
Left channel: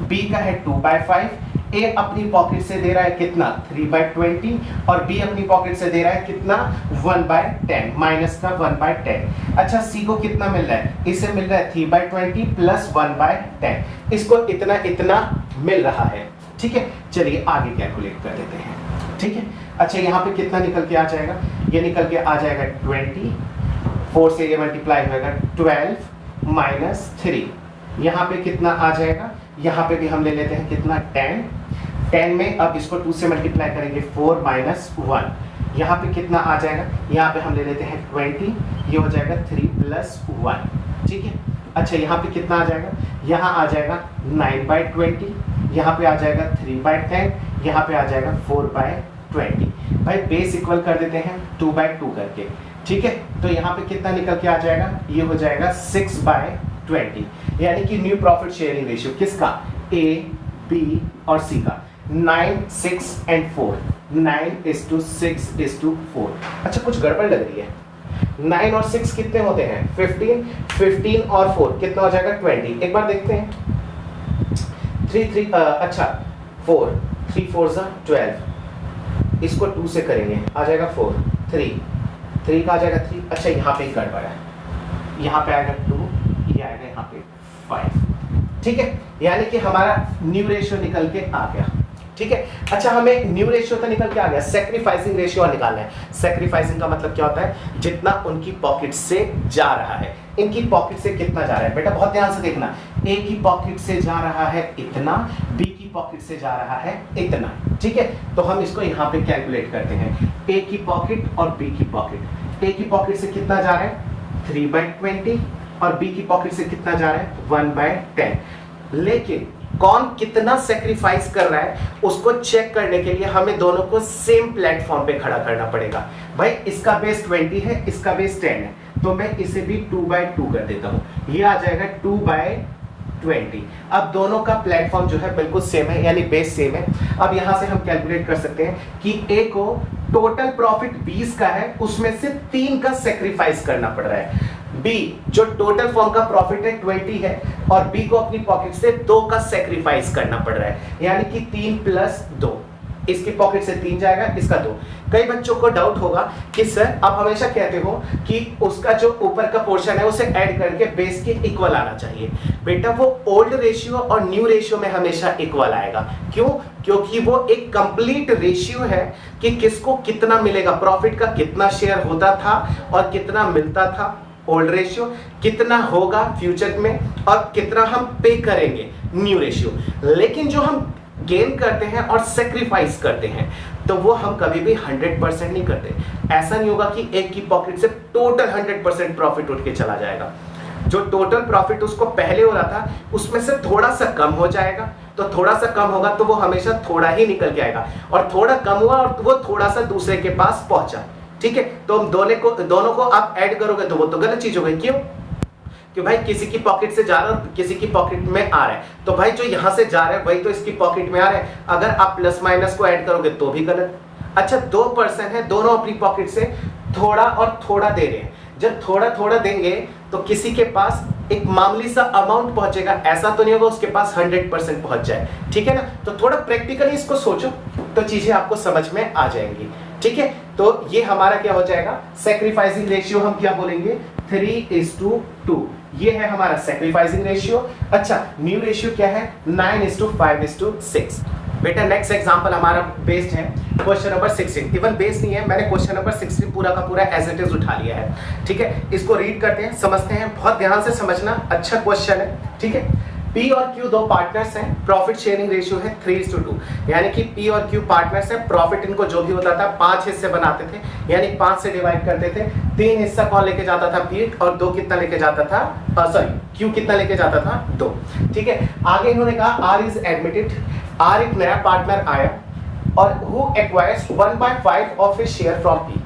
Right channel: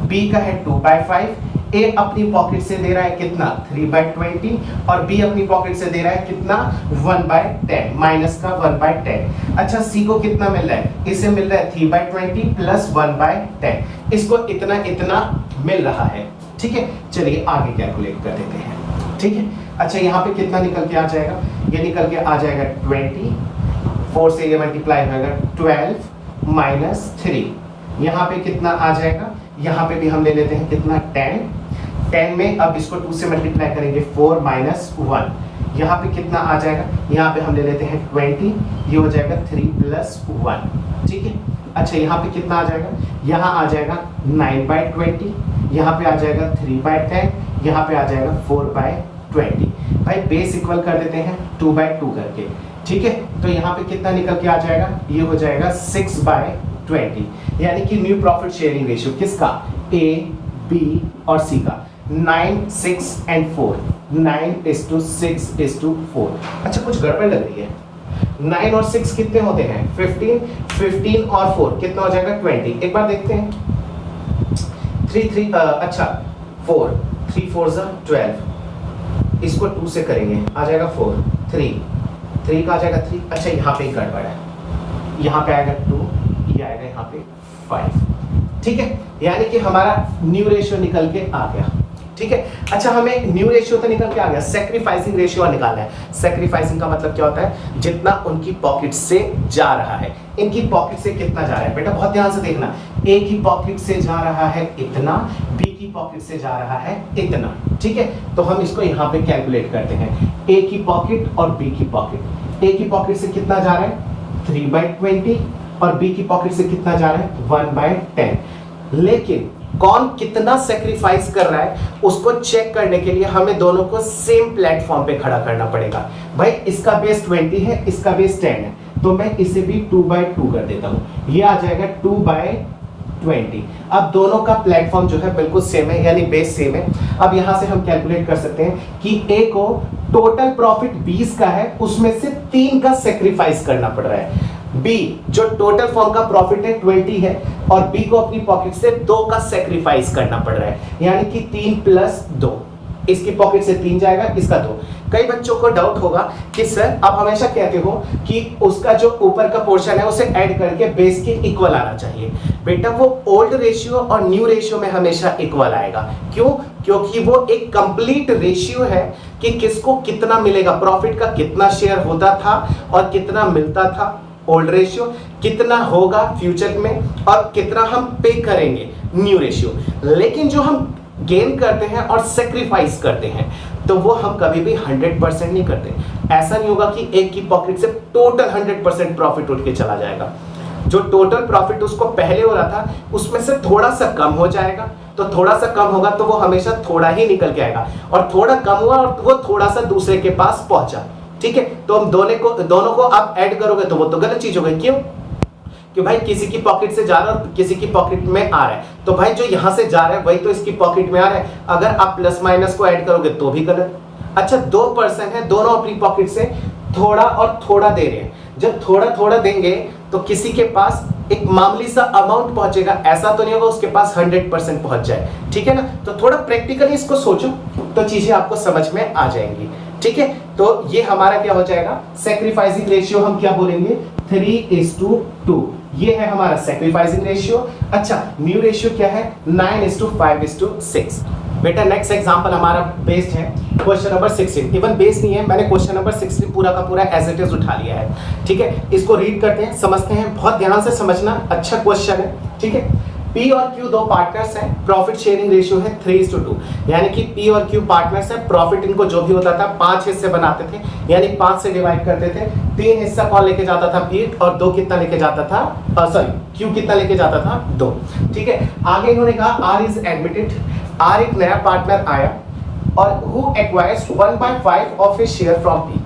बी का है 2/5। ए अपनी पॉकेट से दे रहा है कितना 3/20, और बी अपनी पॉकेट से दे रहा है कितना 1/10, माइनस का 1/10। अच्छा सी को कितना मिल रहा है, इसे मिल रहा है 3/20 प्लस 1/10, इसको इतना इतना मिल रहा है, ठीक है। चलिए आगे कैलकुलेट कर देते हैं, ठीक है। अच्छा यहाँ पे कितना निकल के आ जाएगा, ये निकल के आ जाएगा 20, 4 से ये मल्टीप्लाई होगा 12 माइनस 3, यहाँ पे कितना आ जाएगा, यहाँ पे भी हम ले लेते हैं कितना 10 में अब इसको 2 से मल्टीप्लाई करेंगे 4 माइनस 1, यहाँ पे कितना आ जाएगा, यहाँ पे हम ले लेते हैं 20, ये हो जाएगा 3 प्लस 1, ठीक है। अच्छा यहाँ पे कितना आ जाएगा, यहाँ आ जाएगा 9/20, यहाँ पे आ जाएगा 3/10, यहाँ पे आ जाएगा 4/20। भाई बेस इक्वल कर देते हैं 2/2 करके, ठीक है। तो यहाँ पे कितना निकल के आ जाएगा, ये हो जाएगा 6/20, यानी कि न्यू प्रॉफिट शेयरिंग रेशियो किसका, ए बी और सी का 9 6 and 4, 9:6:4। अच्छा कुछ गड़बड़ लग रही है, 9 और 6 कितने होते हैं 15, 15 और 4 कितना हो जाएगा 20। एक बार देखते हैं 3 4 3 4 12, इसको 2 से करेंगे आ जाएगा 4, 3 का आ जाएगा 3। अच्छा यहाँ पे ही गड़बड़ है, यहाँ पे आएगा 2, ये आएगा यहाँ पे 5, ठीक है, यानी कि हमारा न्यू रेशियो निकल के आ गया, ठीक है। अच्छा हमें न्यू रेशियो तो निकल के आ गया, सैक्रिफाइसिंग रेशियो निकालना है। सैक्रिफाइसिंग का मतलब क्या होता है, जितना उनकी पॉकेट से जा रहा है, इनकी पॉकेट से कितना जा रहा है। बेटा बहुत ध्यान से देखना, ए की पॉकेट से जा रहा है इतना, बी की पॉकेट से जा रहा है इतना, ठीक है। तो हम इसको यहाँ पे कैलकुलेट करते हैं, ए की पॉकेट और बी की पॉकेट। ए की पॉकेट से कितना जा रहा है 3/20, और बी की पॉकेट से कितना जा रहा है 1/10। लेकिन कौन कितना सेक्रीफाइस कर रहा है उसको चेक करने के लिए हमें दोनों को सेम प्लेटफॉर्म पे खड़ा करना पड़ेगा। भाई इसका बेस 20 है, इसका बेस 10 है, तो मैं इसे भी 2/2 कर देता हूं, ये आ जाएगा 2/20। अब दोनों का प्लेटफॉर्म जो है बिल्कुल सेम है, यानी बेस सेम है। अब यहां से हम कैलकुलेट कर सकते हैं कि ए को टोटल प्रॉफिट 20 का है, उसमें से 3 का सेक्रीफाइस करना पड़ रहा है। बी जो टोटल फॉर्म का प्रॉफिट है 20 है, और बी को अपनी पॉकेट से 2 का सेक्रीफाइस करना पड़ रहा है, यानी कि 3 + 2। इसकी पॉकेट से 3 जाएगा, इसका 2। कई बच्चों को डाउट होगा कि सर आप हमेशा कहते हो कि उसका जो ऊपर का पोर्शन है उसे ऐड करके बेस के इक्वल आना चाहिए। बेटा वो ओल्ड रेशियो और न्यू रेशियो में हमेशा इक्वल आएगा। क्यों? क्योंकि वो एक कंप्लीट रेशियो है कि किसको कितना मिलेगा, प्रॉफिट का कितना शेयर होता था और कितना मिलता था। ओल्ड रेशियो कितना होगा फ्यूचर में और कितना हम पे करेंगे, न्यू रेशियो। लेकिन जो हम गेन करते हैं और सेक्रीफाइस करते हैं तो वो हम कभी भी 100% नहीं करते। ऐसा नहीं होगा कि एक की पॉकेट से टोटल 100% प्रॉफिट उठ के चला जाएगा। जो टोटल प्रॉफिट उसको पहले हो रहा था उसमें से थोड़ा सा कम हो जाएगा, तो थोड़ा सा कम होगा तो वो हमेशा थोड़ा ही निकल के आएगा, और थोड़ा कम हुआ और वो थोड़ा सा दूसरे के पास पहुंचा। ठीक है, तो हम दोनों को आप ऐड करोगे तो वो तो गलत चीज हो गई। क्यों? कि भाई किसी की पॉकेट से जा रहा है और किसी की पॉकेट में आ रहा है, तो भाई जो यहां से जा रहा है वही तो इसकी पॉकेट में आ रहा है। अगर आप प्लस माइनस को ऐड करोगे तो भी गलत। अच्छा, 2 पर्सन है, दोनों अपनी पॉकेट से थोड़ा और थोड़ा दे रहे हैं। जब थोड़ा थोड़ा देंगे तो किसी के पास एक मामूली सा अमाउंट पहुंचेगा, ऐसा तो नहीं होगा उसके पास 100% पहुंच जाए। ठीक है ना, तो थोड़ा प्रैक्टिकली इसको सोचो तो चीजें आपको समझ में आ जाएंगी। ठीक है, तो ये हमारा क्या हो जाएगा, सेक्रीफाइसिंग रेशियो हम क्या बोलेंगे, 3:2। ये है हमारा सेक्रीफाइसिंग रेशियो। अच्छा, न्यू रेशियो क्या है, 9:5:6। बेटा नेक्स्ट एग्जांपल हमारा बेस्ड है क्वेश्चन नंबर 16। इवन बेस नहीं है, मैंने क्वेश्चन नंबर 16 पूरा का पूरा एज इट इज उठा लिया है। ठीक है, इसको रीड करते हैं, समझते हैं, बहुत ध्यान से समझना, अच्छा क्वेश्चन है। ठीक है, पी और क्यू दो पार्टनर्स हैं, प्रॉफिट शेयरिंग रेशियो है 3:2, यानी कि पी और क्यू पार्टनर्स हैं, प्रॉफिट इनको जो भी होता था 5 हिस्से बनाते थे, यानी 5 से डिवाइड करते थे। 3 हिस्सा कौन लेके जाता था, पी, और 2 कितना लेके जाता था, सॉरी क्यू कितना लेके जाता था, 2। ठीक है, आगे इन्होंने कहा आर इज एडमिटेड, आर एक नया पार्टनर आया और who acquires 1/5 of his share from P.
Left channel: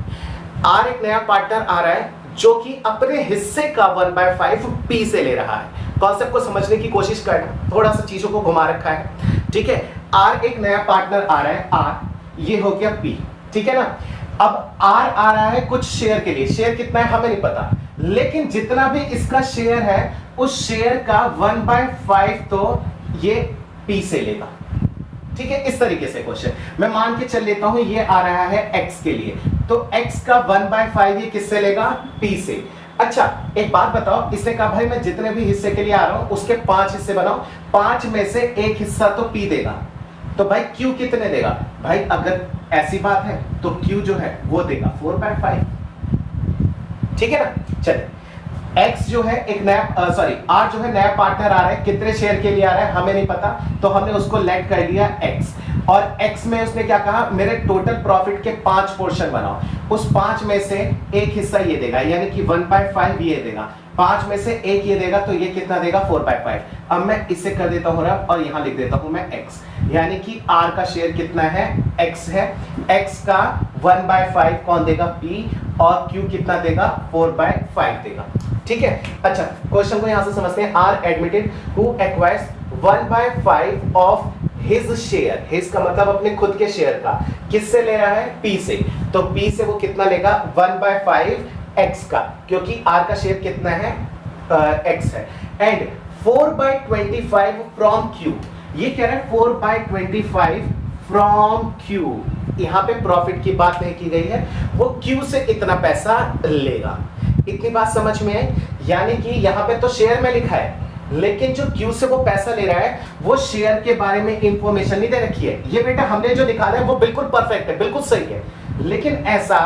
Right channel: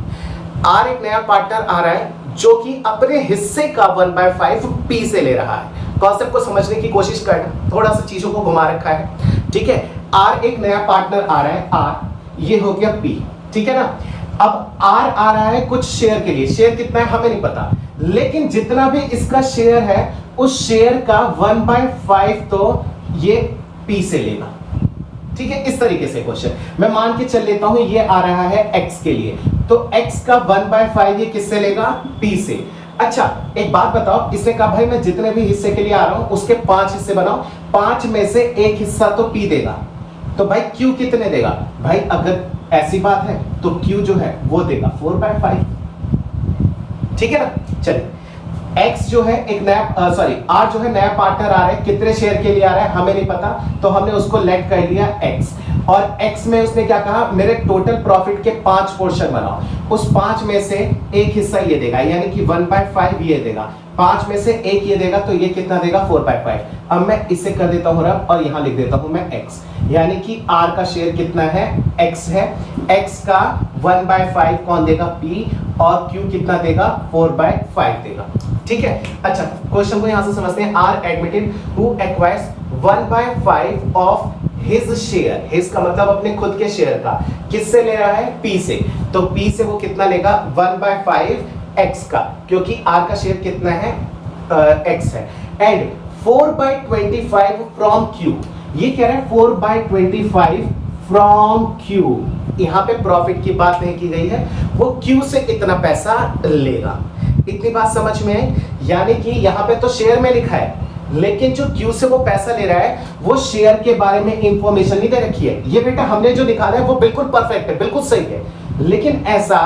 R एक नया पार्टनर आ रहा है जो कि अपने हिस्से का 1/5 पी से ले रहा है। कॉन्सेप्ट को समझने की कोशिश करना, थोड़ा सा चीजों को घुमा रखा है। ठीक है, आर एक नया पार्टनर आ रहा है, आर, ये हो गया पी। ठीक है ना, अब आर आ रहा है कुछ शेयर के लिए, शेयर कितना है हमें नहीं पता, लेकिन जितना भी इसका शेयर है उस शेयर का 1/5 तो ये पी से लेगा। ठीक है, इस तरीके से क्वेश्चन मैं मान के चल लेता हूं, ये आ रहा है x के लिए, तो x का 1/5 ये किससे लेगा, p से। अच्छा, एक बात बताओ, इसने कहा भाई मैं जितने भी हिस्से के लिए आ रहा हूं उसके 5 हिस्से बनाओ, 5 में से एक हिस्सा तो p देगा, तो भाई q कितने देगा, भाई अगर ऐसी बात है तो q जो है वो देगा 4/5। ठीक है ना, चलिए x जो है एक नया सॉरी r जो है नया पार्टनर आ रहा है, कितने शेयर के लिए आ रहा है हमें नहीं पता, तो हमने उसको लेट कर लिया x, और x में उसने क्या कहा, मेरे टोटल प्रॉफिट के 5 पोर्शन बनाओ, उस 5 में से एक हिस्सा ये देगा, यानी कि 1/5 ये देगा, 5 में से एक ये देगा, तो ये कितना देगा 4/5। अब मैं इसे कर देता हूं रब और यहां लिख देता हूं मैं x, यानी कि r का शेयर कितना है, x है, x का 1/5 कौन देगा, p, और q कितना देगा 4/5 देगा। ठीक है, अच्छा क्वेश्चन को यहां से समझते हैं, r admitted who acquires 1/5 of his share, his का मतलब अपने खुद के शेयर का, किससे ले रहा है, p से, तो p से वो कितना लेगा 1/5 x का, क्योंकि r का शेयर कितना है, x है, एंड 4/25 फ्रॉम q, ये कह रहा है 4/25 फ्रॉम q, यहां पे प्रॉफिट की बात नहीं की गई है, वो q से इतना पैसा लेगा। इतनी बात समझ में है, यानी कि यहां पे तो शेयर में लिखा है, लेकिन जो q से वो पैसा ले रहा है वो शेयर के बारे में इंफॉर्मेशन नहीं दे रखी है। ये बेटा हमने जो निकाला है वो बिल्कुल परफेक्ट है, बिल्कुल सही है, लेकिन ऐसा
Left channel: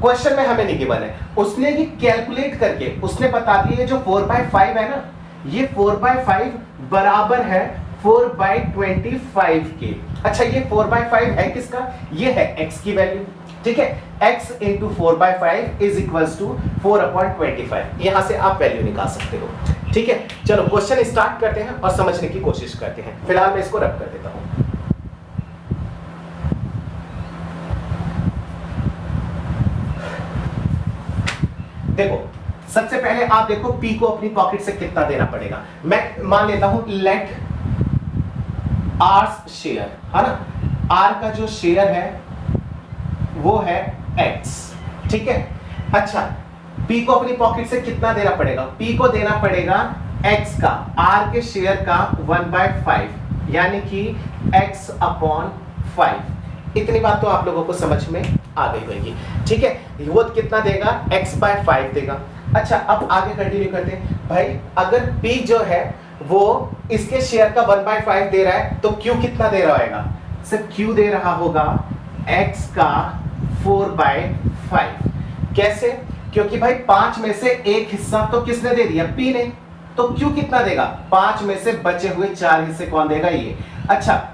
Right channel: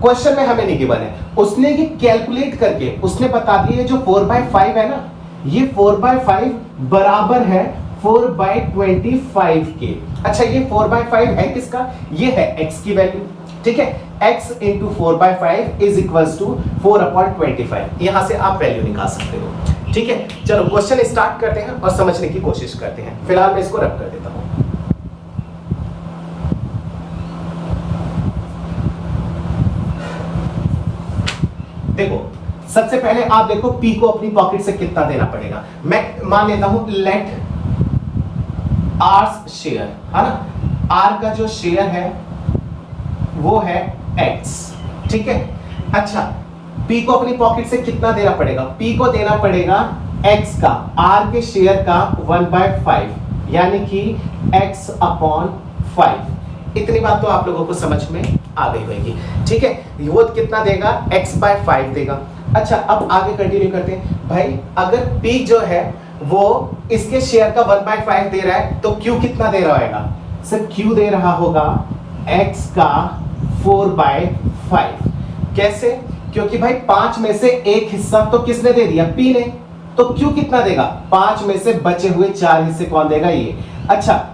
क्वेश्चन में हमें नहीं गिवन है। उसने ये कैलकुलेट करके उसने बता दिया, ये जो 4/5 है ना, ये 4/5 बराबर है 4/25 के। अच्छा, ये 4/5 है किसका, ये है x की वैल्यू। ठीक है, x into 4/5 is equals to 4/25, यहां से आप वैल्यू निकाल सकते हो। ठीक है, चलो क्वेश्चन स्टार्ट करते हैं और समझने की कोशिश करते हैं। फिलहाल मैं इसको रब कर देता हूं। देखो, सबसे पहले आप देखो p को अपनी पॉकेट से कितना देना पड़ेगा। मैं मान लेता हूं लेट r शेयर, है ना, r का जो शेयर है वो है x। ठीक है, अच्छा p को अपनी पॉकेट से कितना देना पड़ेगा, p को देना पड़ेगा x का, r के शेयर का 1/5, यानी कि x/5। इतनी बात तो आप लोगों को समझ में आ गई होगी। ठीक है, वो कितना देगा, x/5 देगा। अच्छा, अब आगे कंटिन्यू करते हैं। भाई अगर p जो है वो इसके शेयर का 1/5 दे रहा है, तो q कितना दे रहा होगा, सर q दे रहा होगा x का 4/5। कैसे, क्योंकि भाई 5 में से एक हिस्सा तो किसने दे दिया, p ने, तो q कितना देगा, 5 में से बचे हुए 4 हिस्से कौन देगा, ये। अच्छा,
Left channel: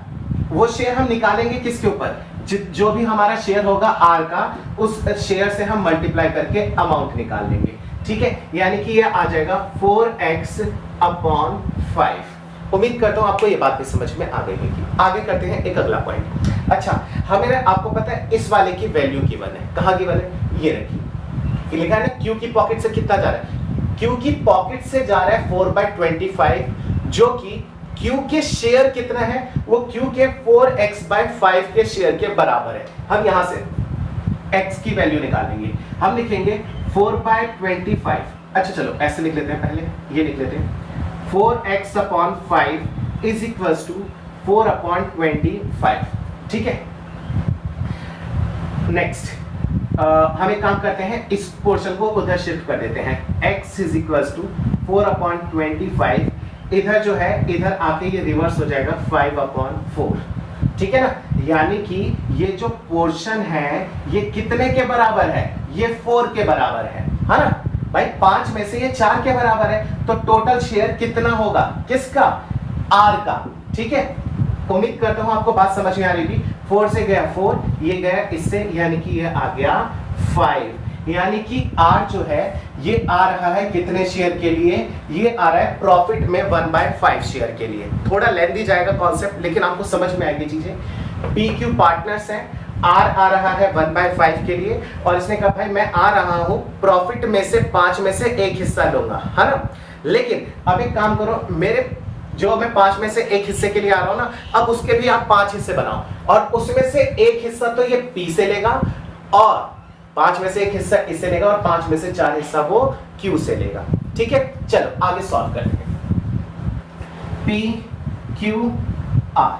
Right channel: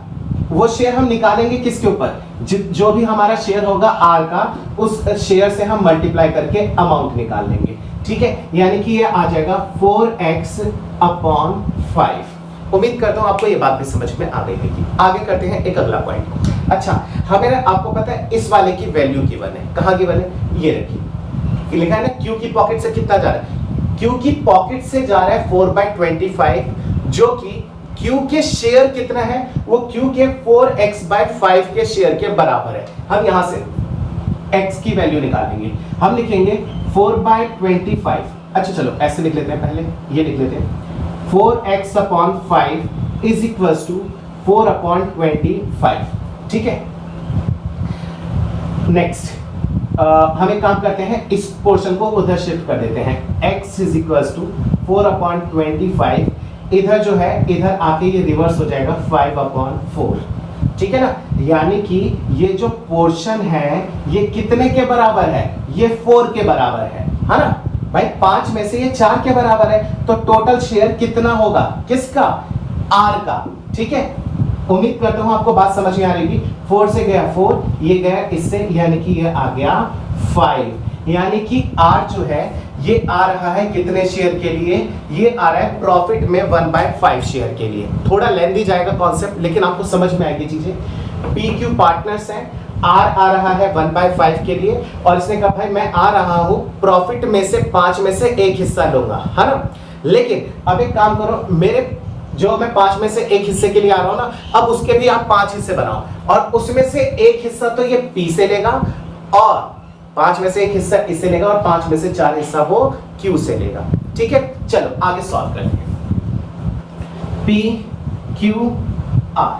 वो शेयर हम निकालेंगे किसके ऊपर, जो भी हमारा शेयर होगा r का, उस शेयर से हम मल्टीप्लाई करके अमाउंट निकाल लेंगे। ठीक है, यानी कि ये आ जाएगा 4x/5। उम्मीद करता हूं आपको ये बात भी समझ में आ गई होगी। आगे करते हैं एक अगला पॉइंट। अच्छा, हमें आपको पता है इस वाले की वैल्यू गिवन है, कहां गिवन है, ये रखिए, लिखा है ना क्यू की पॉकेट से कितना जा रहा है, क्यू की पॉकेट से जा रहा है 4/25, जो कि क्यू के शेयर कितना है, वो क्यू के 4x/5 के शेयर के बराबर है। हम यहां से x की वैल्यू निकालेंगे, हम लिखेंगे 4/25। अच्छा चलो ऐसे लिख लेते हैं, पहले ये लिख लेते हैं, 4x/5 इज इक्वल्स टू 4/25। ठीक है, नेक्स्ट हम एक काम करते हैं, इस पोर्शन को उधर शिफ्ट कर देते हैं, x इज इक्वल्स टू 4/25, इधर जो है इधर आके ये रिवर्स हो जाएगा 5/4। ठीक है ना, यानी कि ये जो पोर्शन है ये कितने के बराबर है, ये 4 के बराबर है ना भाई, 5 में से ये 4 के बराबर है, तो टोटल शेयर कितना होगा, किसका, R का। ठीक है, उम्मीद करता हूं आपको बात समझ में आ रही होगी। 4 से गया 4, ये गया इससे, यानी कि ये आ गया 5, यानी कि R जो है ये आ रहा है कितने शेयर के लिए, ये आ रहा है प्रॉफिट में 1/5 शेयर के लिए। थोड़ा लेंथी जाएगा कॉन्सेप्ट, लेकिन आपको समझ में आएगी चीजें। PQ पार्टनर्स हैं, R आ रहा है 1/5 के लिए, और इसने कहा भाई मैं आ रहा हूं प्रॉफिट में से 5 में से एक हिस्सा लूंगा, है ना। लेकिन अब एक काम करो, मेरे जो मैं 5 में से एक हिस्से के लिए आ रहा हूं ना, अब उसके भी आप 5 हिस्से बनाओ, और उसमें से एक हिस्सा तो ये P से लेगा, और 5 में से एक हिस्सा इससे लेगा, और 5 में से 4 हिस्सा वो Q से लेगा। ठीक है, चलो आगे सॉल्व करेंगे। PQR,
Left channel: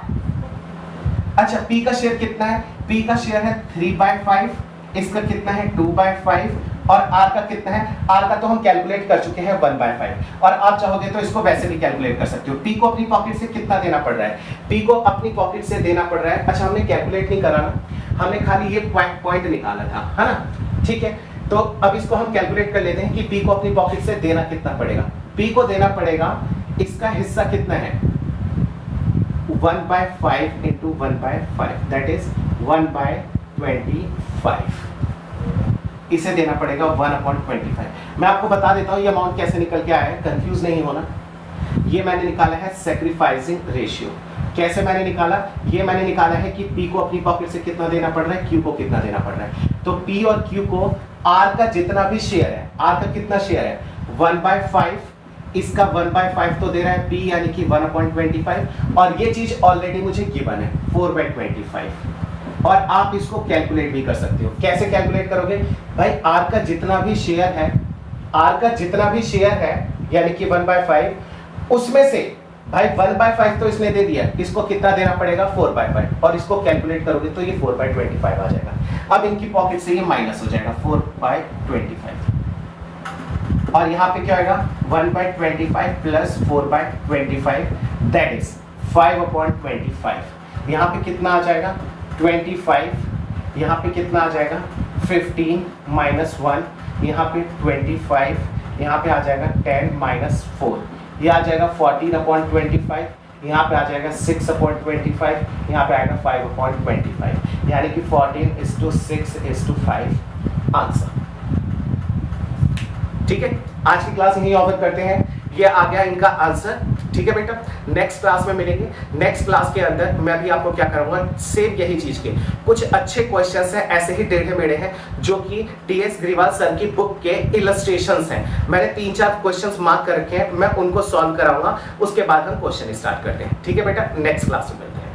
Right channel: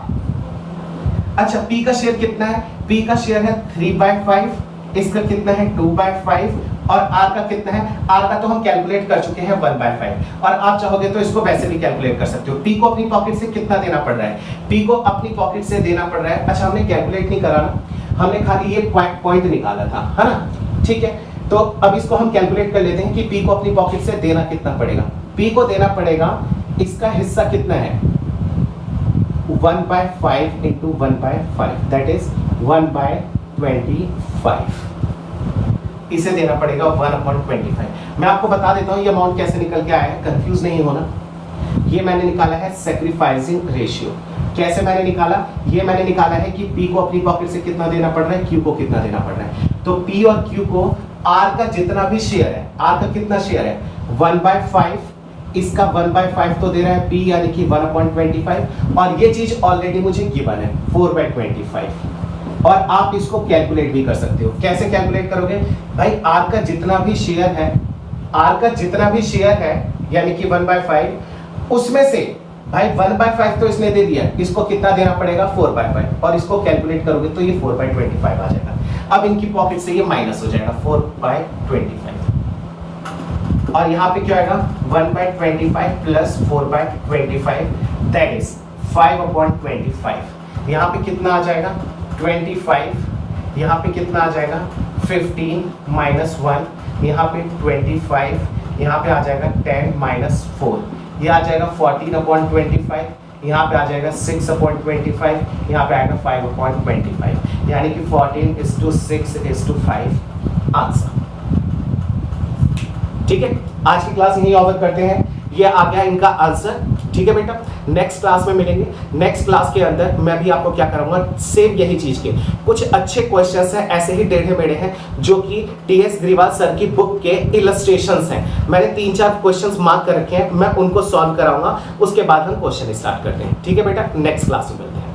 अच्छा P का शेयर कितना है, P का शेयर है 3/5, इसका कितना है 2/5, और R का कितना है, R का तो हम कैलकुलेट कर चुके हैं 1/5, और आप चाहोगे तो इसको वैसे भी कैलकुलेट कर सकते हो। P को अपनी पॉकेट से कितना देना पड़ रहा है, P को अपनी पॉकेट से देना पड़ रहा है, अच्छा हमने कैलकुलेट नहीं करा ना, हमने खाली ये पॉइंट निकाला था, है ना। ठीक है, तो अब इसको हम कैलकुलेट कर लेते हैं कि P को अपनी पॉकेट से देना कितना पड़ेगा। P को देना पड़ेगा, इसका हिस्सा कितना है, 1/5 इंटू 1/5, दैट इज 1/25, इसे देना पड़ेगा 1/25। मैं आपको बता देता हूं ये अमाउंट कैसे निकल के आया है, कंफ्यूज नहीं होना। ये मैंने निकाला है सैक्रिफाइसिंग रेशियो। कैसे मैंने निकाला, ये मैंने निकाला है कि P को अपनी पॉकेट से कितना देना पड़ रहा है, Q को कितना देना पड़ रहा है। तो P और Q को R का जितना भी शेयर है, R का कितना शेयर है 1/5, इसका 1/5 तो दे रहा है P, यानी कि 1/25, और ये चीज ऑलरेडी मुझे गिवन है 4/25, और आप इसको कैलकुलेट भी कर सकते हो। कैसे कैलकुलेट करोगे भाई, R का जितना भी शेयर है, R का जितना भी शेयर है यानी कि 1/5, उसमें से भाई 1/5 तो इसने दे दिया, इसको कितना देना पड़ेगा 4/5, और इसको कैलकुलेट करोगे तो ये 4/25 आ जाएगा। अब इनकी पॉकेट से ये माइनस हो जाएगा 4/25, और यहाँ पे क्या आएगा 1/25 प्लस 4/25, दैट इज 5/25। यहाँ पे कितना आ जाएगा 25, यहाँ पे कितना आ जाएगा 15 माइनस 1, यहाँ पे 25, यहाँ पे आ जाएगा 10 माइनस 4, ये आ जाएगा 14/25, यहाँ पे आ जाएगा 6/25, यहाँ पे आएगा 5/25, यानी कि 14:6:5 आंसर। ठीक है, आज की क्लास यही ओवर करते हैं, ये आ गया इनका आंसर। ठीक है बेटा, नेक्स्ट क्लास में मिलेंगे। नेक्स्ट क्लास के अंदर मैं भी आपको क्या करूंगा, सेम यही चीज के कुछ अच्छे क्वेश्चंस हैं, ऐसे ही टेढ़े मेढ़े हैं, जो कि टीएस ग्रीवाल सर की बुक के इलस्ट्रेशंस हैं। मैंने 3-4 क्वेश्चंस मार्क कर रखे हैं, मैं उनको सॉल्व कराऊंगा, उसके बाद हम क्वेश्चन स्टार्ट करते हैं। ठीक है बेटा, नेक्स्ट क्लास में मिलते हैं।